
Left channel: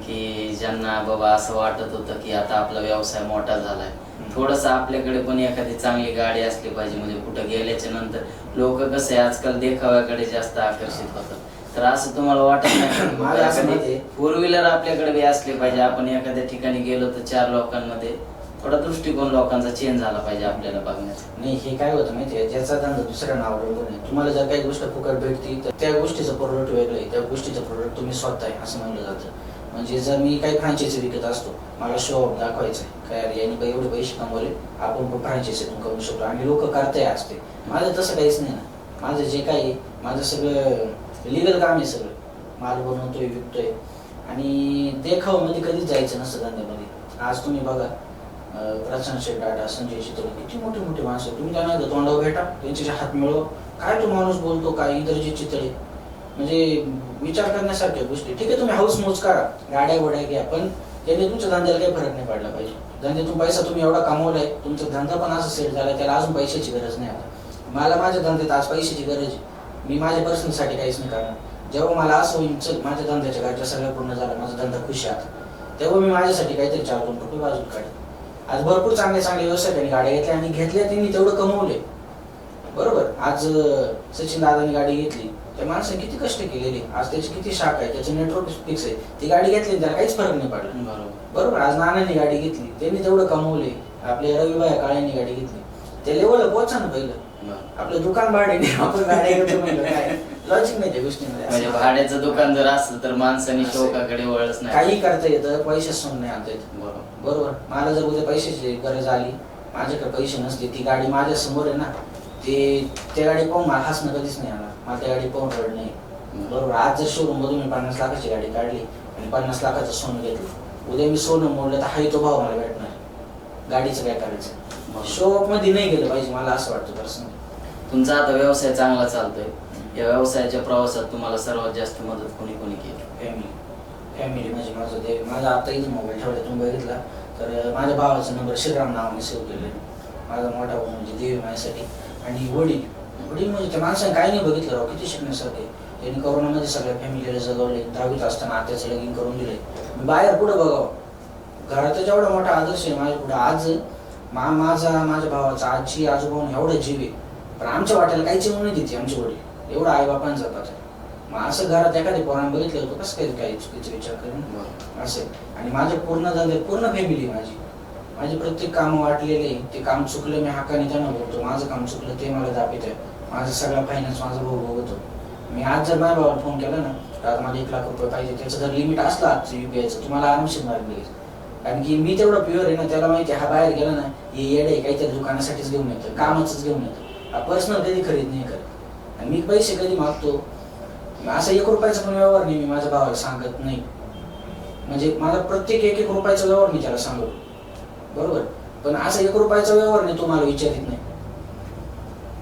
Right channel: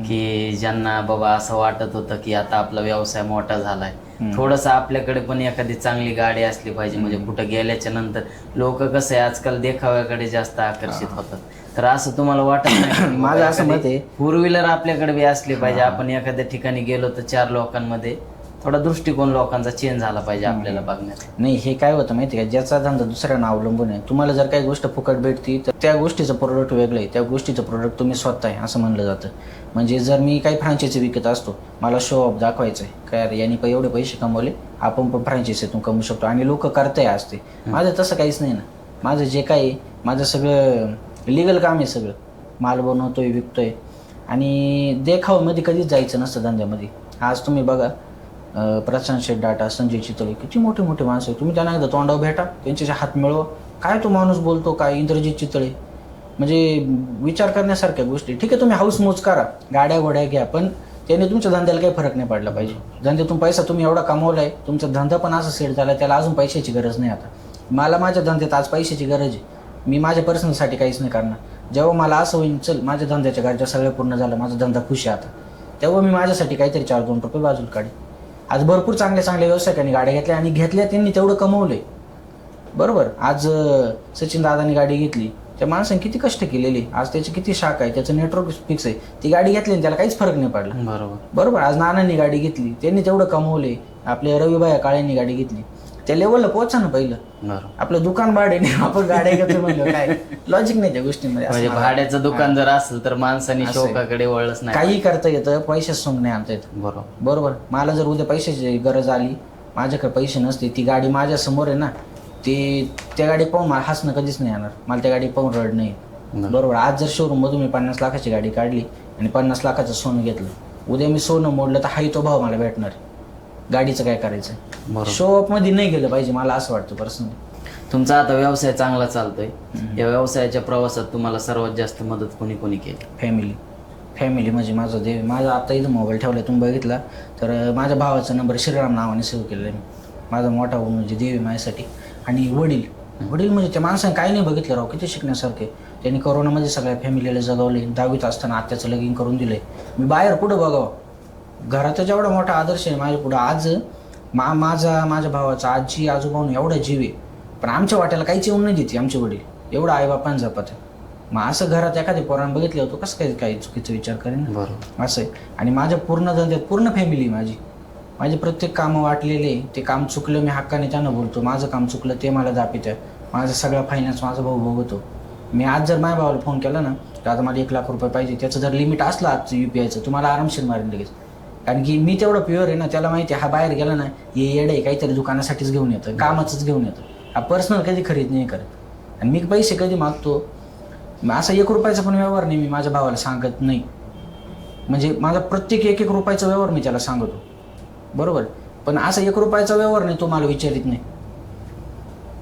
की ज्यांना बाबा असं वाटत होतं की आता आपला व्यवसाय मोठा झालाय, थोडस आपल्याकडे पण एखादी चांगली गाडी असली पाहिजे, म्हणजे कुठं गेल्याच्या नंतर लोक कसं आहे आजकाल देखाव्याकडे जास्त आकर्षित होतात. तर असं तुम्हाला वाटत नाही? माझं असं मत आहे, 4 व्हीलर आपल्याकडे बी असली पाहिजे, आपण एखाद्या ठिकाणी गेलो तर 4 लोकांमध्ये थोडा दृष्टिकोन लोकांचा चेंज झाला पाहिजे आपल्याला बघण्याचा. नाही हे काय होतं माहिती आहे, ज्याचा धंदा दुसऱ्यांना अवलंबून आहे, तुम्हाला जर काही गोष्ट फुकट भेटती तर त्या गोष्टीचं प्रोडक्ट वेगळं आहे, त्या गोष्टीचं प्रोडक्ट तुम्ही स्वतः आहे असं म्हणलं जातं. म्हणजे जर मी काही फ्रँचायझी विकत असतो, मला शो ऑफ दाखवायचं आहे काय अरे यांनी काही एवढे पैसे कमवले, आपण पण फ्रँचायझीतून कमवू शकतो आणि लोक करताय असते. माझं तसं काहीच नाही ना, माझं जे काही माझं सगळं लिगल काम आहे, सगळं माल बनवतोय विकतोय, आणि देखावामध्ये कधीच जायचं नसतं धंद्यामध्ये. आज तुम्ही बघा प्रशांत शेठ डाटा, संजय चितळे, किती मोठे मोठे माणसं आहेत, तुम्ही त्यांना एकदा तोंडावर भेटा, त्यांच्याशी हात मिळवा, काय तो माणूस बोलतो, काय इंद्रजित चितळे, म्हणजे विचार करण्यासारख्या गोष्टी. ठीक आहे तुम्ही हाऊस मोज करा, गाड्या घोड्या घ्या, पण त्याने तुमच्या धंद्याला काही फरक नाही पडला पाहिजे. धंद्यातून पैसा तुम्ही एवढा कमवलाय, तुमचा धंदा पण असं सेट झाला, त्याला अजून पैशाची गरज नाही. आता मला माझ्या धंद्यात आज पैशाची गरज आहे, मी माझ्या पर्सनलसाठी काहीच नाही करणार. जेव्हा मला असं होईल चल माझ्या धंद्याच्या गरजा सगळ्या पूर्ण झाल्या, माझा धंदा खुश आहे आता, तेव्हा मी माझ्यासाठी काहीतरी 4-2 रुपये बाजूला काढेन. आज भरपूर चांगले चांगले व्यवसायिकांनी गाड्या घेतल्या आणि घेतल्या त्यांनी तेवढं कमवले, बरोबर. आज सचिन दादानी गाडी घेतली, त्या माणसाने किती कष्ट केलेले, आज त्याची किती शाखा आहे, त्याचं नेटवर्क फिक्स आहे, ती गाडी घेतली त्याला काहीच फरक नाही पडला, बरोबर. आज नानांनी गाडी घेतली, त्यांनी तेवढं कमवले, आपल्या रविबाई काळेंनी गाडी घेतली, त्या लेवलला पोहोचा ना पहिलं. आपलं दुकान भाडे आपण गाड्या घेतो म्हणलं काय लॉजिक नाही त्या गोष्टीमध्ये. म्हणजे भाड्याचं दुकान जर असलं तर माणसाने शौकाकडे वळच नाही, काही करता येतं, पैसे सोडून नाही आणता येत, बरोबर. मला जर उद्या पैशाची गरज आली, माझ्याकडे पैसे नसते, ती गाडी माझ्या समोर आहे ना, त्या गाडी पाहून मला हसणं कधीच नाही येणार, मला त्या गाडी पाहून रड नाही, बरोबर. आज जर शोरूम मधून मी 50 लाखाची गाडी काढली आणि 50 लाखाचं सोनं घेतलं, उद्या मी सोनं मोडलं तर हाही तो भाव मला भेटणार, गाडीचं काय करायचं. शो ऑफ मध्ये नाही गेलं पाहिजे, मला असं वाटतं पर्सनली. तुमचा आता व्यवसाय चांगला चालतोय, या व्यवसायाच्या प्रवासात तुम्हाला सर्वात जास्त मदत कोणी कोणी केली? फॅमिली म्हणजे माझा आता इथं मोबाईल ठेवला तुम्ही बघितला तर माझ्या भावाचा नंबर श्रीराम नावाने सेव्ह केलेला आहे. माझा मोठा भाऊ म्हणजे देव माझ्यासाठी, आणि वडील म्हणजे त्या माणसाने काही नाही बघितलं राव, किती शिकण्यासारखे. त्यांनी कोरोनामध्ये सगळ्या फॅमिलीला जगवले, 10वीत असताना आत्याचं लगीन करून दिलंय. मी बाहेर पुढे बघावं, घरातच एवढा मोठा आदर्श आहे माझ्या पुढे. आज माझ्या भावाचा आजी आजोबा एवढा जीव आहे, पण आमच्या वाट्याला काहीच येऊन नाही देते आमचे वडील, एवढा आईबापान जपत. मग असं घरात एखादी पोरानं बघितलं होतं कसं काही चुकीचा विचार करेन असं आहे. आणि माझ्या पूर्ण धंद्यात पूर्ण फॅमिली आहे माझी प्रत्येक काम वाटलेले, ते काम चुकलं मी हक्काने त्यांना बोलतो, माझं काम चुकलं ते मला दाखवतं, माझा सगळा फायनान्स माझा भाऊ बघतो. मी आज जर माझ्या भावाला फोन केला ना तर आता मला 1 लाख रुपये पाहिजे, त्याचं जर लिमिट असलं आजचं UPIचं तुम्हाला आरामशीर मारेल लगेच, कारण की मी तेवढं प्युअर आहे ना. त्याला माहिती आहे हा बाहेर गेला ना हे येडे काहीतरी दुकानासाठीच घेऊन येतं, कामाचंच घेऊन येतं, हा पर्सनल कधी खरीद नाही करत. आणि मी पैसे कधी मागतो, असं 1 रुपयाचा पण व्यवहार नाही मी माझ्या भावाला सांगत नाही, म्हणजे माझा प्रत्येक 1 रुपयाचा व्यवहार मी त्याला सांगतो, बरोबर. पण असं 1 रुपयाचा व्यवहार नाही तुम्हाला विचारित नाही,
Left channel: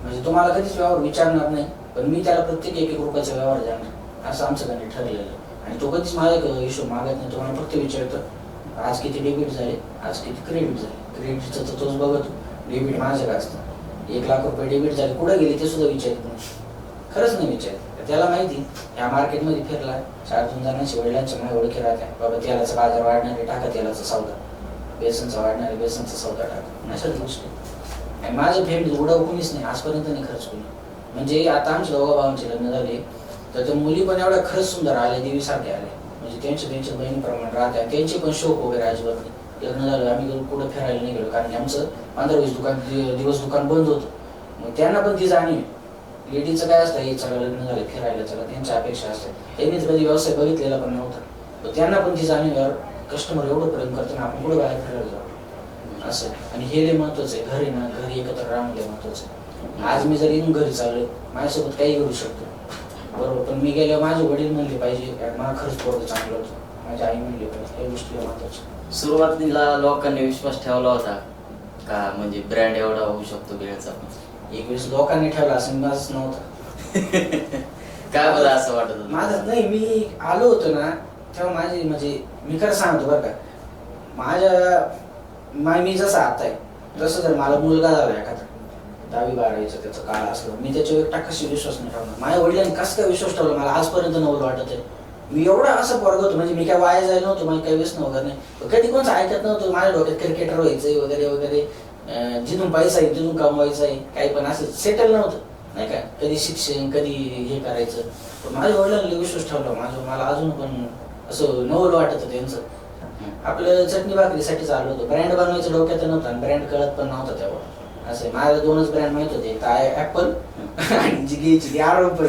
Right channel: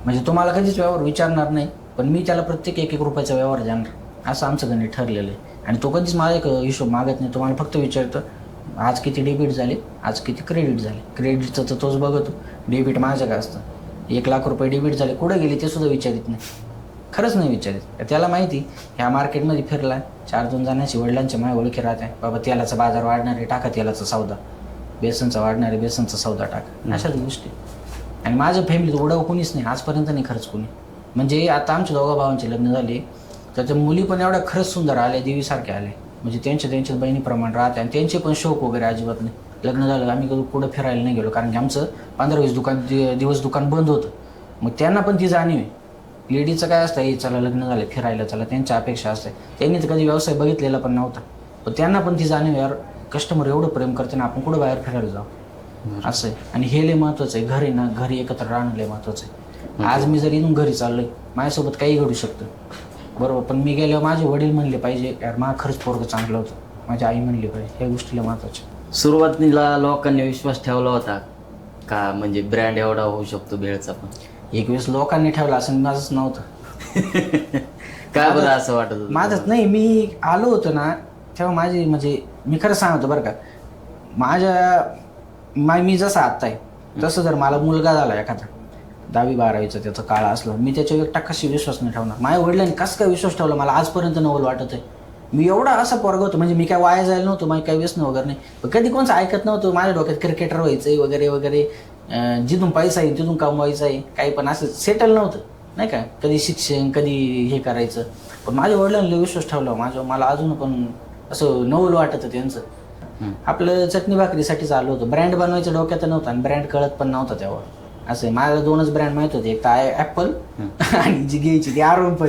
म्हणजे तुम्हाला कधीच व्यवहार विचारणार नाही, पण मी त्याला प्रत्येक 1 रुपयाचा व्यवहार जाणार, असं आमचं गणित ठरलेलं आहे. आणि तो कधीच मला एक हिशोब मागत नाही, तुम्हाला फक्त विचारतं आज किती डेबिट झाले, आज किती क्रेडिट झाले. क्रेडिटचं तर तोच बघतो, डेबिट माझं काय असतं. 1 लाख रुपये डेबिट झाले, कुठे गेले ते सुद्धा विचारित नाही, खरंच नाही विचारित. त्याला माहिती ह्या मार्केटमध्ये फिरला, 4-2 जणांची वडिलांच्या मागे ओळखी राहत आहे, बाबा तेलाचा बाजार वाढणारे टाका तेलाचा सौदा, बेसनचा वाढणारे बेसनचा सौदा टाका, अशाच गोष्टी. आणि माझं फॅमिली उडाव कोणीच नाही आजपर्यंत, नाही खरंच कोणी. म्हणजे आता आमच्या दोघा भावांचे लग्न झाले तर त्या मुली पण एवढ्या खरंच सुंदर आल्या, देवीसारख्या आल्या. म्हणजे त्यांच्या बहिणीप्रमाणे राहते आणि त्यांचे पण शौक वगैरे अजिबात नाही. लग्न झालं आम्ही पुढे फिरायला नाही गेलो, कारण की आमचं 15-20 दिवस दुकान बंद होतं. मग त्यांना पण ती जाणीव आहे. लेडीजचं काय असतं, हे चला लग्न झालं फिरायला चला, त्यांच्या अपेक्षा असते. त्यांनी तर कधी व्यवसाय बघितलेला पण नव्हता, तर त्यांना पण ती जाणीव यार कस्टमर एवढं प्रेम करते ना, आपण कुठं बाहेर फिरायला जाऊ असं आहे. आणि हे लय महत्वाचं आहे, घरी ना घरी एकत्र राहणं लय महत्वाचं आहे. आज मी जर इथून घरी चाललोय, माझ्यासोबत काही घडू शकतं बरोबर, पण मी गेल्यावर माझे वडील म्हणले पाहिजे कारण मला खरंच पोरगं चांगलं होतं, माझी आई म्हणली पाहिजे, या गोष्टीला महत्वाच्या. सुरुवातीला लोकांनी विश्वास ठेवला होता का, म्हणजे ब्रँड एवढा होऊ शकतो भेळचा पण? 21 लोकांनी ठेवला असं माझंच नव्हतं. काय बरं असं वाटत होतं? माझंच नाही, मी आलो होतो ना तेव्हा माझी म्हणजे मी खरं सांगतो बरं का, मी जसं आत्ता आहे तसं जर मला मुलगा झाला एखादा 10वी-12वीचा त्याचा काळ असलो, मी त्याच्यावर एकटा कशी विश्वास नाही ठेवणार. माझ्या वडिलांनी कसं काय विश्वास ठेवला मला आजपर्यंत नवल वाटत आहे. मी एवढा असं पोरगा होतो, म्हणजे मी काय वाया जायला नव्हतो, माझी काही व्यसन वगैरे नाही, कधी कोणचं ऐकत नव्हतं. माझ्या डोक्यात क्रिकेटर व्हायचंय वगैरे वगैरे, जिथून पैसा आहे तिथून कमवायचं आहे, काही पण असं सेटल नव्हतं नाही का, कधी शिक्षण कधी हे करायचं. पण माझ्या वडिलांनी विश्वास ठेवला मला अजून पण असं नवल वाटत त्यांचं. आपलं चटणी भाकरीसाठीच आलो होतो, ब्रँड बनवायचं डोक्यात नव्हतं आणि ब्रँड कळत पण नव्हता तेव्हा. असं आहे, माझ्या 2च ब्रँड माहित होते, एक तर ऍपल आणि जी घ्यायची ती आरोग्य,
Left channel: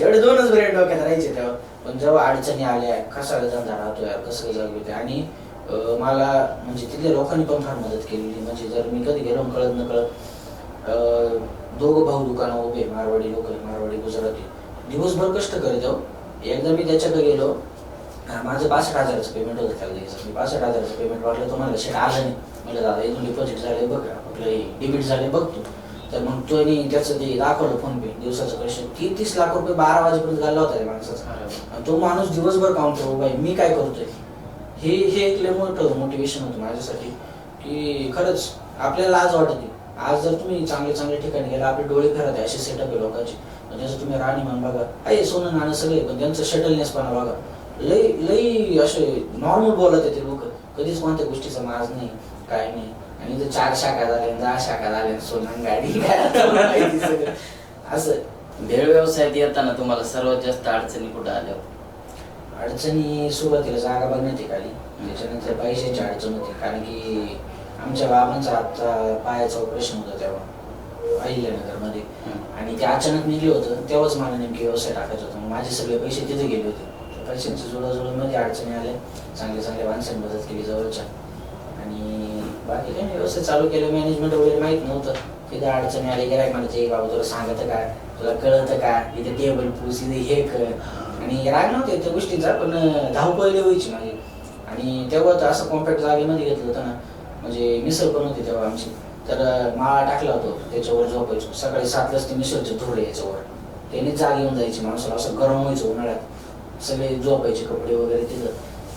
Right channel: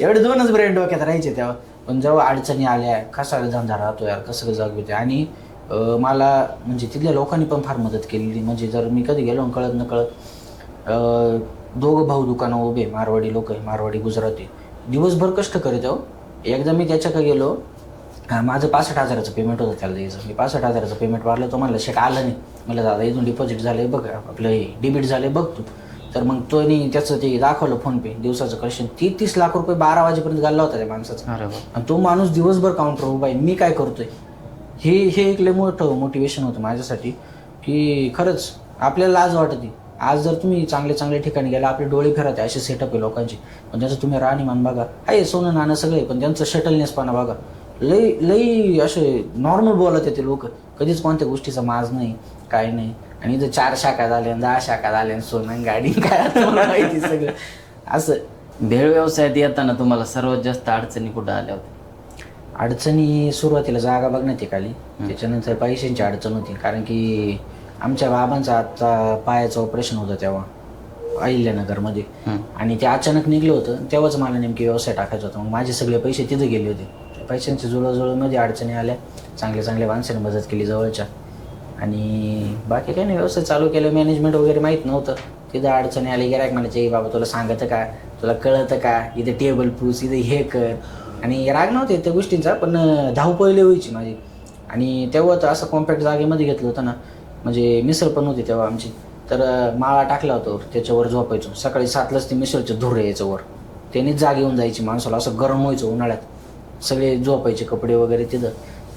एवढे 2च ब्रँड डोक्यात राहायचे तेव्हा. पण जेव्हा अडचणी आल्या, कसाला धंदा राहतो यार, कसं जाग होते. आणि मला म्हणजे तिथल्या लोकांनी पण फार मदत केलेली. म्हणजे जर मी कधी गेलो कळत न कळत, 2 भाऊ दुकानं उभे, मारवाडी लोक, मारवाडी गुजराती, दिवसभर कष्ट करीत आहो. एकदा मी त्याच्याकडे गेलो, माझं 65,000चं पेमेंट होतं त्याला द्यायचं. मी 65,000चं पेमेंट भरलं, तो म्हणलं शेट आलं नाही. मला दादा इथून डिपॉझिट झालंय बघ, आपलं डेबिट झालंय बघ तू. तर मग तो त्याचं ते दाखवलं फोनपे दिवसाचं कलेक्शन, 30 लाख रुपये 12 वाजेपर्यंत घालला होता त्या माणसाचा. आणि तो माणूस दिवसभर काउंटर बाई मी काय करतोय, हे एक लय मोठं मोटिवेशन होतं माझ्यासाठी, की खरंच आपल्याला लाज वाटते. आज जर तुम्ही चांगले ठिकाणी गेला, आपले डोळे फिरत आहे, असे सेटअप आहे लोकांची, पण त्याचं तुम्ही राहणीमान बघा, आहे सोनं नाणं सगळे, पण त्यांचं शटलनेसपणा बघा, लई असे नॉर्मल बोलत आहे ते लोक, कधीच कोणत्या गोष्टीचा माज नाही काय नाही. आणि इथं 4 शाखा झाल्या, 10 शाखा झाल्या, सोनं गाडी काय माहिती सगळं असं. भेळ व्यवसायात येताना तुम्हाला सर्वात जास्त अडचणी कुठं आल्या होत्या? अडचणी सुरुवातीला जागा बघण्यात एक आली, त्याच्यानंतर पैशांची अडचण होती, कारण की आमच्या बाबांचं आता पायाचं ऑपरेशन होतं तेव्हा अहिल्यानगरमध्ये, आणि ते अचानक निघलं होतं. तेव्हाच मला नेमकी व्यवसाय टाकायचा होता. माझे सगळे पैसे तिथे गेले होते. पैशांची जुळवाजुळवमध्ये अडचणी आल्या, चांगल्या माणसाने मदत केली जवळच्या, आणि बाकी काही नाही, व्यवसाय चालू केलं. मॅनेजमेंट वगैरे माहीत नव्हतं, तिथं अडचणी आली. गिरायक म्हणायचे बाबा तुला सांगतं का, तुला कळतं का, इथे टेबल पुस, इथे हे कर. आणि राग नव्हते त्या गोष्टींचा, पण धावपळली व्हायची माझी. आणि तेव्हा तर असं कॉम्पॅक्ट जागेमध्ये घेतलं होतं ना, म्हणजे मिसळ पण होती तेव्हा आमची, तर माळा टाकला होता, त्याच्यावर झोपायचो. सकाळी 7लाच ते मिसळचे धूर यायचं वर, त्यानेच जाग येऊन जायची माणसाला, असं गरम व्हायचं उन्हाळ्यात. सगळे झोपायचे कपडे वगैरे तिथं.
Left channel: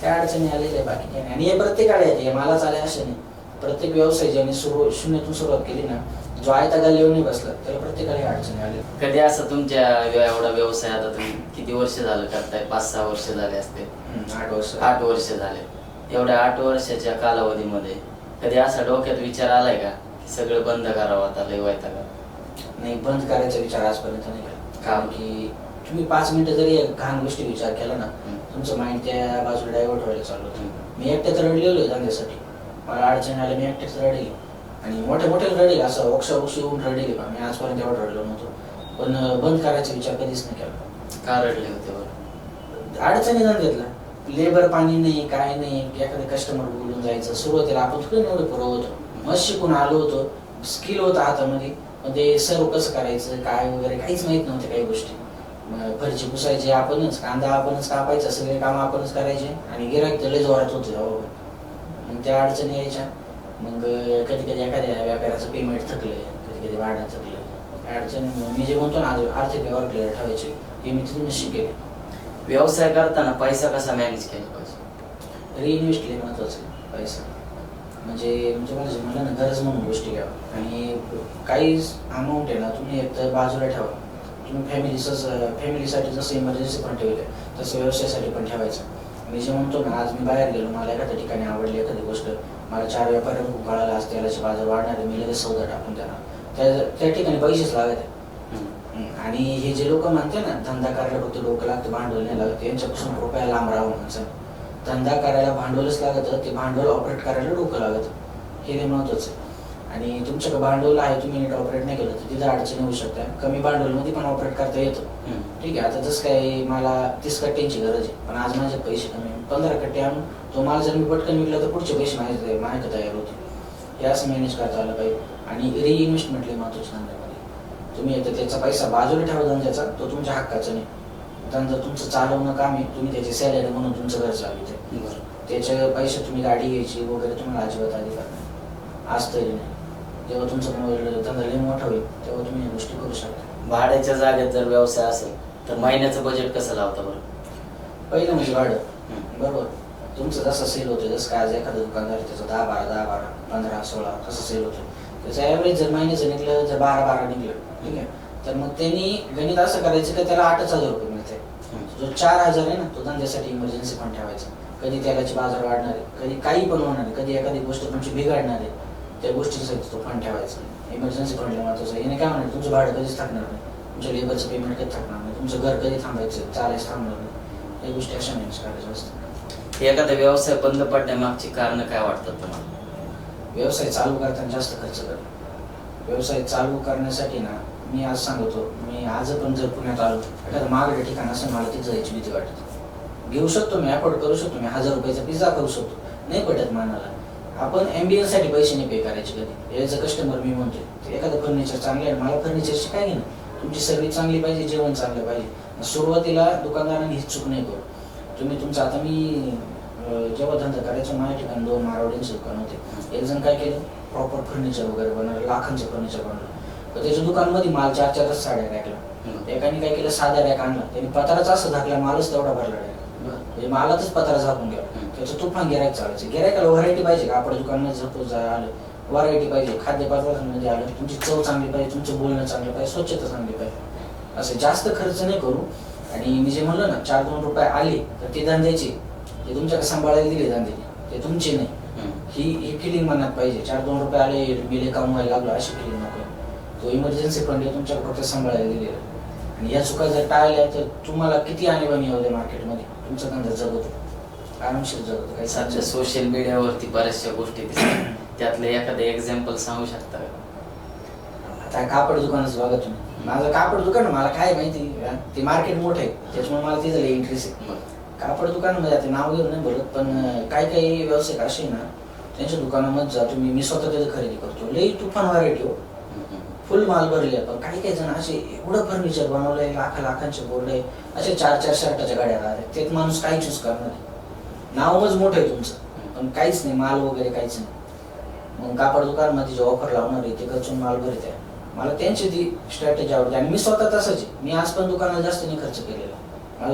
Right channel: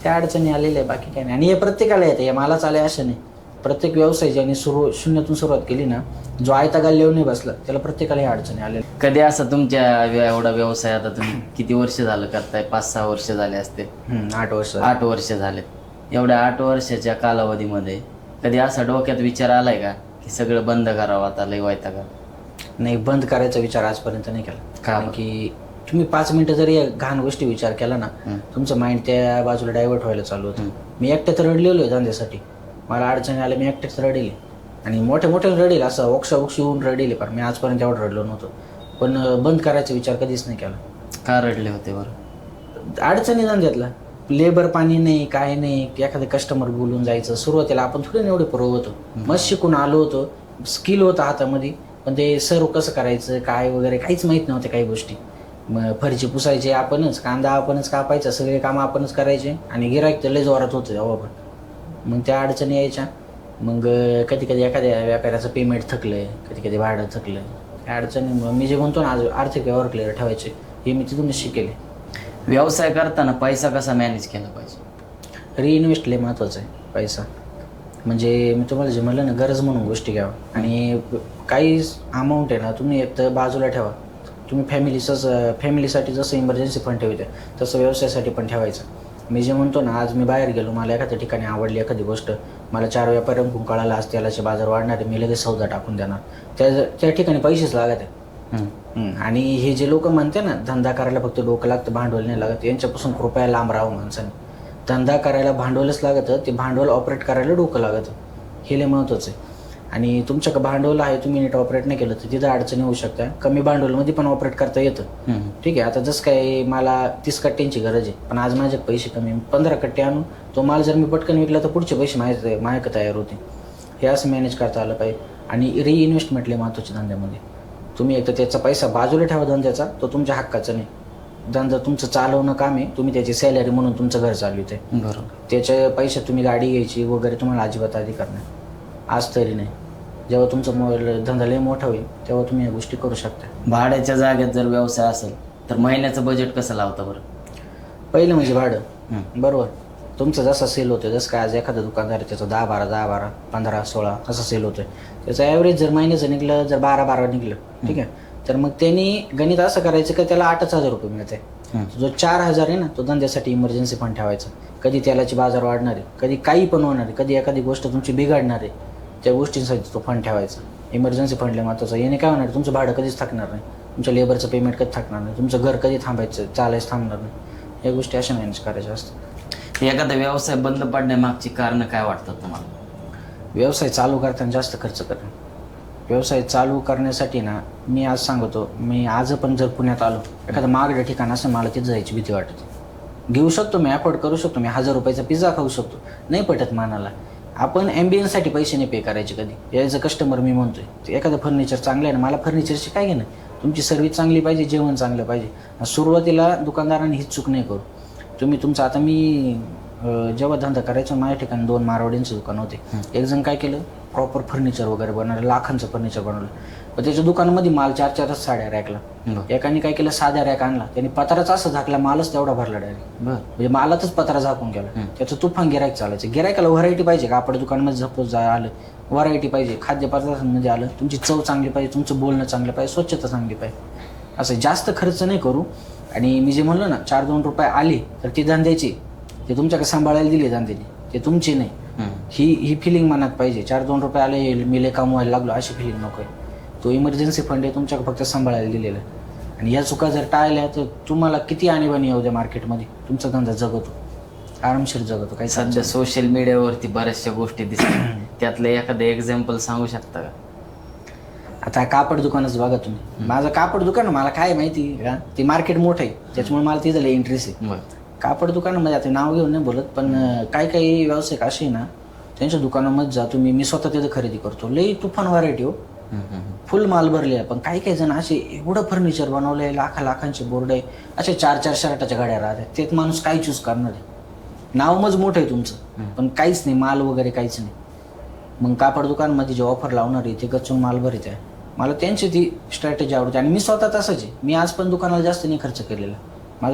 त्या अडचणी आलेल्या आहे, बाकी काही नाही. आणि हे प्रत्येकाला येते, हे मलाच आले असं नाही. प्रत्येक व्यवसाय ज्याने शून्यातून सुरुवात केली ना, जो आयता गाल्ल्यावर नाही बसला, त्याला प्रत्येकाला अडचणी आल्या. कधी असं तुमच्या एवढा व्यवसाय, आता तुम्ही किती वर्ष झालं करताय? 5-6 वर्ष झाले असते. 8 वर्ष झाले. एवढ्या 8 वर्षाच्या कालावधीमध्ये कधी असा डोक्यात विचार आलाय का की सगळं बंद करावं आता, लय वैताग? नाही, बंद करायचा विचार आजपर्यंत नाही केला. कारण की तुम्ही 5 मिनिटं जरी घाण गोष्टी विचार केला ना, तुमचं माइंड त्या बाजूला डायव्हर्ट व्हायला चालू होतं. मी एकट्यात रडलेलो आहे धंद्यासाठी, मला अडचणी आल्या, मी एकट्याच रडेल, आणि मोठे रडेल, असं ओक्षी होऊन रडेल. पण मी आजपर्यंत एवढं रडलो नव्हतो. पण बंद करायचा विचार कधीच नाही केला. का रडले होते बरं? अडचणी धंद्यातला, लेबर पाणी नाही, काय नाही, एखादं कस्टमर बोलून जायचं. सुरुवातीला आपण थोडं एवढे पुरव होतो, मस्त शिकून आलो होतो, स्किल होतं हातामध्ये, पण ते सर्व कसं करायचं काय वगैरे काहीच माहित नव्हते. काही गोष्टी फरची पुसायची आपणच, कांदा आपणच कापायचा, सगळे काम आपणच करायचे, आणि गिराईक लय जोरात होते तेव्हा पण. मग त्या अडचणी यायच्या. मग कधी एखाद्या व्यापाऱ्याचं पेमेंट थकलंय, कधी भाडं थकलंय, अडचणी मी जे म्हणतो ना आर्थिक व्यवहार क्लिअर ठेवायचे, हे मी तिथूनच शिकेले. व्यवसाय करताना पैसा कसा मॅनेज केला पाहिजे? रिइन्व्हेस्ट लय महत्वाचं आहे पैसा. म्हणजे मी तुम्हाला जे म्हणलं ना, गरज म्हणून गोष्टी घ्यावा. आणि काही अमाऊंट आहे ना तुम्ही एक तर बाजूला ठेवा. तुम्ही फॅमिलीसाठी जसं इमर्जन्सी फंड ठेवते तसं व्यवसायासाठी पण ठेवायचं. मी जे म्हणतो ना, आज मी बाहेर गेलो, मला एखाद्या ठिकाणी आवडली एखादी गोष्ट, मला 4 व्यापाऱ्यांकडून कळाला आज तेलाचे बाजार वाढणार आहे, मी लगेच सौदा टाकून देणार. त्या ठिकाणी पैसेच लागत आहे. आणि हे जे लोक म्हणते ना धंदा करायला फक्त डोकं लागतं, भांडवल नाही लागत, यांच्यापासून कृपया लांब राहावं माणसाने. धंदा करायला भांडवलच लागतं, ते भांडवल ऑपरेट करायला डोकं लागतं, हे लय महत्वाचं आहे. आणि तुमच्याकडे भांडवल आहे, तुम्ही नीट ऑपरेट नाही केलं तर तिथं अडचणी होऊ शकतात. कमी भांडवलमध्ये पण ऑपरेट करता येतं. ठीक आहे, आता जसं काय मला 30 कट्ट्यांची गरज आहे, पण आज माझ्यात पैसे कमी, 15 कट्टे आणून तो माल जर मी पटकन विकला तर पुढचे पैसे माझ्याकडे तयार होते. हे असं मॅनेज करता आलं पाहिजे. आणि रिइन्व्हेस्टमेंट लय महत्वाची धंद्यामध्ये. तुम्ही एकतर त्याचा पैसा बाजूला ठेवा धंद्याचा, तो तुमच्या हक्काचा नाही. धंदा तुमचं चालवणं काम आहे, तुम्ही त्याची सॅलरी म्हणून तुमचं घर चालवित आहे. त्याचे पैसे तुम्ही गाडी घ्यायची वगैरे तुम्हाला अजिबात अधिकार नाही, आज तरी नाही. जेव्हा तुमचा धंदा लय मोठा होईल तेव्हा तुम्ही या गोष्टी करू शकता. भाड्याच्या जागेत जर व्यवसाय असेल तर महिन्याचं बजेट कसं लावता बरं? पहिलं म्हणजे भाडं. बरोबर, तुमचं जसं सेल होतं, जसं काय आज एखादं दुकानदार आहे त्याचं 10-12, 15-16 असं सेल होतंय, त्याचं ॲव्हरेज जर महिन्याचं निघलं, जर 12 निघलं, ठीक आहे, तर मग त्यांनी गणित असं करायचं की त्याला 8,000 रुपये मिळते. जो 4,000 आहे ना तो धंद्यासाठी इमर्जन्सी फंड ठेवायचा. कधी तेलाचे बाजार वाढणार आहे, कधी काही पण होणार आहे, कधी एखादी गोष्ट तुमची बिघडणार आहे, त्या गोष्टींसाठी तो फंड ठेवायचा. इमर्जन्सी फंडला महत्वाचं. याने काय होणार, तुमचं भाडं कधीच थकणार नाही, तुमच्या लेबरचं पेमेंट कधी थकणार नाही, तुमचं घर कधी थांबायचं चालायचं थांबणार नाही. या गोष्टी अशा मॅनेज करायच्या असतात. एखादा व्यवसाय बंद पडण्यामागची कारण काय वाटतं तुम्हाला? व्यवसाय चालू करताना जास्त खर्च करणं. व्यवसाय चालू करण्यासाठी ना मी आज सांगतो, मी आज पण जर पुण्यात आलो, एखादं महागडं ठिकाण असं मला तिथं जायची भीती वाटत. घेऊ शकतो मी, अफोर्ड करू शकतो मी, 1000 रुपयाचा पिझ्झा खाऊ शकतो, नाही पटत मनाला. आपण ॲम्बियन्ससाठी पैसे नाही पे करायचे कधी. यायचं कस्टमर मी म्हणतोय, एखादं फर्निचर चांगलं आहे ना, मला फर्निचरची काय घेणं, तुमची सर्व्हिस चांगली पाहिजे, जेवण चांगलं पाहिजे. सुरुवातीला दुकानदारांनी ही चूक नाही करू. तुम्ही तुमचं, आता मी जेव्हा धंदा करायचो माझ्या ठिकाणी 2 मारवाड्यांचे दुकान होते. एक जण काय केलं, प्रॉपर फर्निचर वगैरे बनवलं, लाखांचं फर्निचर बनवलं, पण त्याच्या दुकानामध्ये माल 4-4 साड्या रॅकला. एकाने काय केलं, साध्या रॅक आणला, त्यांनी पत्राच असं झाकला, मालच तेवढा भरला डायरेक्ट. म्हणजे मालातच पत्रा झाकून गेला. त्याचं तुफान गिरायक चालायचं. गिरायकाला व्हरायटी पाहिजे, कापड दुकानामध्ये झपोज आलं, व्हरायटी पाहिजे, खाद्यपदार्थांमध्ये आलं, तुमची चव चांगली पाहिजे, तुमचं बोलणं चांगलं पाहिजे, स्वच्छता चांगली पाहिजे. असं जास्त खर्च नाही करू. आणि मी जे म्हणलं ना 4-2 रुपये आले तर ती धंद्याची, ते तुमच्याकडे सांभाळायला दिली धंद्याची, ते तुमची नाही. ही फिलिंग मनात पाहिजे. 4-2 रुपये आले, मी लय कमवायला लागलो अशी फिलिंग नको. तो इमर्जन्सी फंड आहे, तुमच्याकडे फक्त सांभाळायला दिलेला. आणि या चुका जर टाळल्या तर तुम्हाला किती आणीबाणी येऊ दे मार्केटमध्ये, तुमचा धंदा जगतो, आरामशीर जगतो. काही सध्या सोशल मीडियावरती बऱ्याचशा गोष्टी दिसतात, त्यातलं एखादं एक्झाम्पल सांगू शकता का? आता कापड दुकानच बघा तुम्ही, माझं कापड दुकान, मला काय माहिती, ते मार्केट मोठं आहे त्याच्यामुळे मला तिथं इंटरेस्ट आहे. कापड दुकानामध्ये आता नाव घेऊन नाही बोलत, पण काही व्यावसायिक असे ना त्यांच्या दुकानामध्ये जा तुम्ही, मी स्वतः तिथं खरेदी करतो, लई तुफान व्हरायटी हो, फुल माल भरले. पण काही जण असे एवढं फर्निचर बनवलंय, लाखांचे बोर्ड आहे, असे 4-4 शर्टाच्या गाड्या राहतात, तेच माणूस काय चूज करणार आहे. नावच मोठं आहे तुमचं, पण काहीच नाही, माल वगैरे काहीच नाही. मग कापड दुकानामध्ये जे ऑफर लावणार आहे ते कचून माल भरत आहे. मला त्यांची ती स्ट्रॅटेजी आवडते. आणि मी स्वतः तसंच आहे, मी आज पण दुकानाला जास्त नाही खर्च केलेला.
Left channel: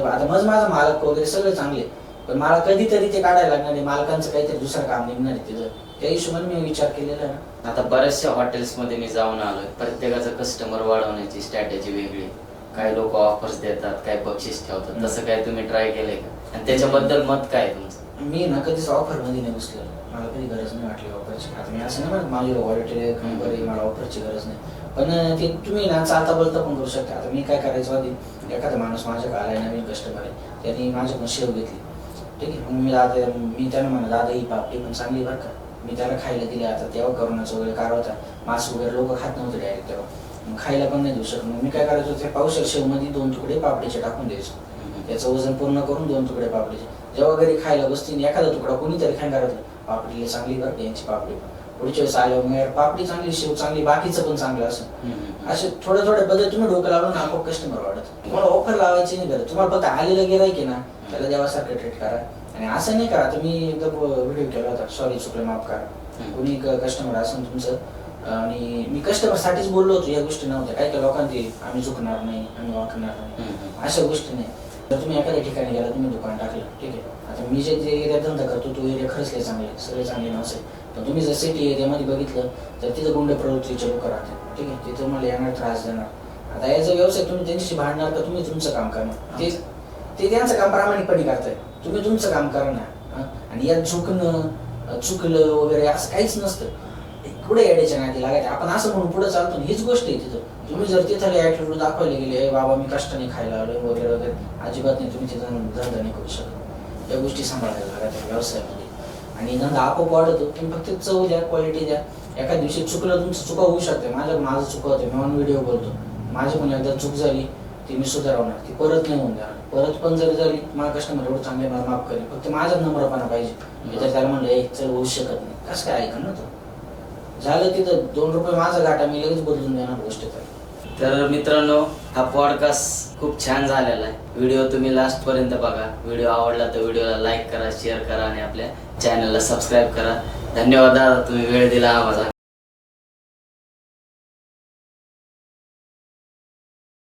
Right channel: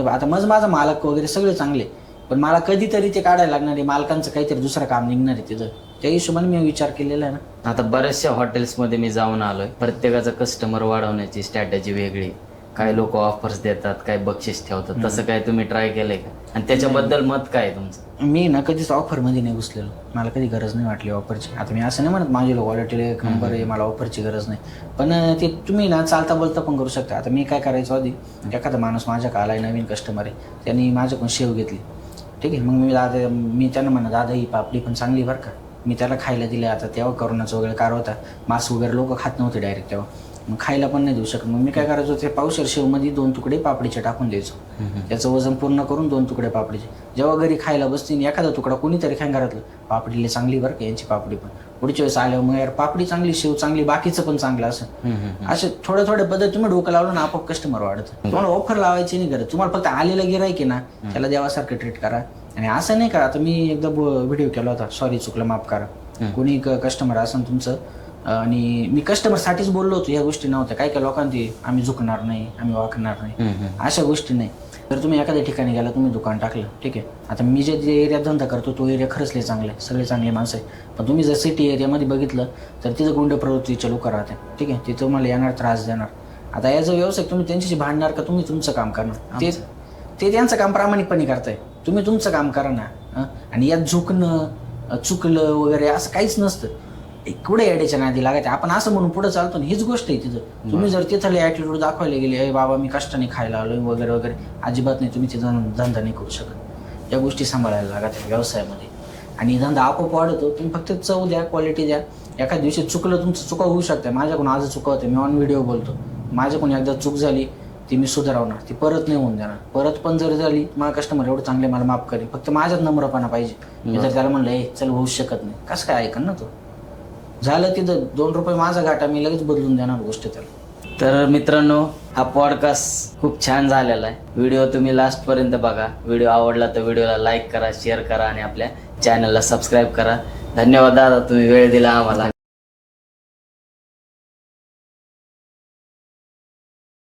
आता माझा मालक वगैरे सगळे चांगले, पण मला कधीतरी ते काढायला लागणार आहे, मालकांचं काहीतरी दुसरं काम निघणार आहे तिथं, त्या हिशोबाने मी विचार केलेला आहे ना. आता बऱ्याचशा हॉटेल्समध्ये मी जाऊन आलोय, प्रत्येकाचं कस्टमर वाढवण्याची स्ट्रॅटेजी वेगळी. काही लोक ऑफर्स देतात, काही बक्षीस ठेवतात, तसं काय तुम्ही ट्राय केलंय का? आणि त्याच्याबद्दल मत काय आहे तुमचं? मी ना कधीच ऑफरमध्ये नाही घुसलेलो, मला कधी गरज नाही वाटली ऑफरची. आता मी असं नाही म्हणत माझी क्वालिटी नंबर आहे, मला ऑफरची गरज नाही, पण ते तुम्ही ना चालता बोलता पण करू शकता. आता मी काय करायचो आधी, एखादा माणूस माझ्या आलाय, नवीन कस्टमर आहे, त्यांनी माझ्याकडून शेव घेतली, ठीक आहे, मग मी त्यांना म्हणत, दादा ही पापडी पण चांगली बरं का, मी त्याला खायला दिले. आता तेव्हा करोनाचा वगैरे कार होता, मांस वगैरे लोक खात नव्हते डायरेक्ट तेव्हा, मग खायला पण नाही देऊ शकत. मग मी काय करायचो, ते पावशेर शेवमध्ये 2 तुकडे पापडीचे टाकून द्यायचो, त्याचं वजन पूर्ण करून 2 तुकडे पापडीचे. जेव्हा घरी खायला बसतील एखादा तुकडा कोणीतरी खाय घरातलं, पापडी चांगली बरं का, यांची पापडी पण पुढच्या वेळेस आल्यावर मग यार पापडी चांगली, शेव चांगली, बाकीचं पण चांगलं असं. असे थोडे बदल तुम्ही डोकं लावून आपोआप कस्टमर वाढत. तुम्हाला ऑफर लावायची नाही गरज, तुम्हाला फक्त आलेलं गिराईक आहे ना त्याला देवासारखं ट्रीट करा. आणि असं नाही करा, आता मी एकदा व्हिडिओ केला होता, सॉरी चुकलं माफ करा, कोणी कस्टमर असेल तुमचं, आणि मी कस्टमरसाठीच बोललो होतो, या गोष्टी नव्हत्या. काही लोकांनी आम्ही झुकणार नाही, आम्ही वाकणार नाही, अशा गोष्टी नाही. जर तुम्ही एखाद्या ठिकाणी गेला, तुम्ही दुकान टाकलं, ठीक आहे, आता मी जे एरिया धंदा करतो तो एरिया खरंच लय चांगले, सगळे चांगले माणसं आहे. पण तुम्ही जर सिटी एरियामध्ये बघितलं तर तिथं गुंड प्रवृत्तीचे लोक राहतात, ठीक आहे, तिथं मला येणार, त्रास देणार. आता याचा व्यवसाय तुम्ही त्यांच्याशी भांडणार का तुम्ही तुमचं काम करणार? ते त्यांचं काम प्रामाणिकपणे करताय, तुम्ही तुमचं काम करा ना. आणि यात चुकलं वगैरे असं काहीच नसतं. कुठे येड्याच्या नादी लागायचं, आपण असं म्हणून पुढे चालतो ना, हीच गोष्ट आहे तिथं. तुम्ही जर तिथं ऍटिट्यूड दाखवायला गेले, बाबा मी कष्टाने खायला आलोय वगैरे वगैरे, अजिबात नाही, तुम्ही ते धंदा नाही करू शकत. या गोष्टी सांभाळायला लागतात व्यवसायामध्ये. आणि धंदा आपोआप वाढतो, तुम्ही फक्त चव द्या, क्वालिटी द्या. एखाद्या दिवशी चुकलं, तुमचं चुका होऊ शकते, माझ्याकडून आज चुकवते, मी ऑन व्हिडिओ बोलतो, माझ्याकडून एकदा चूक झाली ती मी सुधारवणार, ती परत नाही होऊन देणार. परत पण जर झाली, मला कस्टमर एवढं चांगले मला माफ करेल, फक्त माझ्यात नम्रपणा पाहिजे. जर त्याला म्हणलं चल होऊ शकत नाही, कसं काय ऐकन ना तो. झालं तिथं 2 रुपये माझा घाटा, मी लगेच बदलून देणार गोष्ट त्याला. तर मित्रांनो, हा पॉडकास्ट खूप छान झालेला आहे. व्हिडिओ तुम्ही लास्ट पर्यंत बघा. व्हिडिओ आवडला तर व्हिडिओला लाईक करा, शेअर करा आणि आपल्या चॅनलला सबस्क्राईब करा. धन्यवाद दादा, तुम्ही वेळ दिला आम्हाला.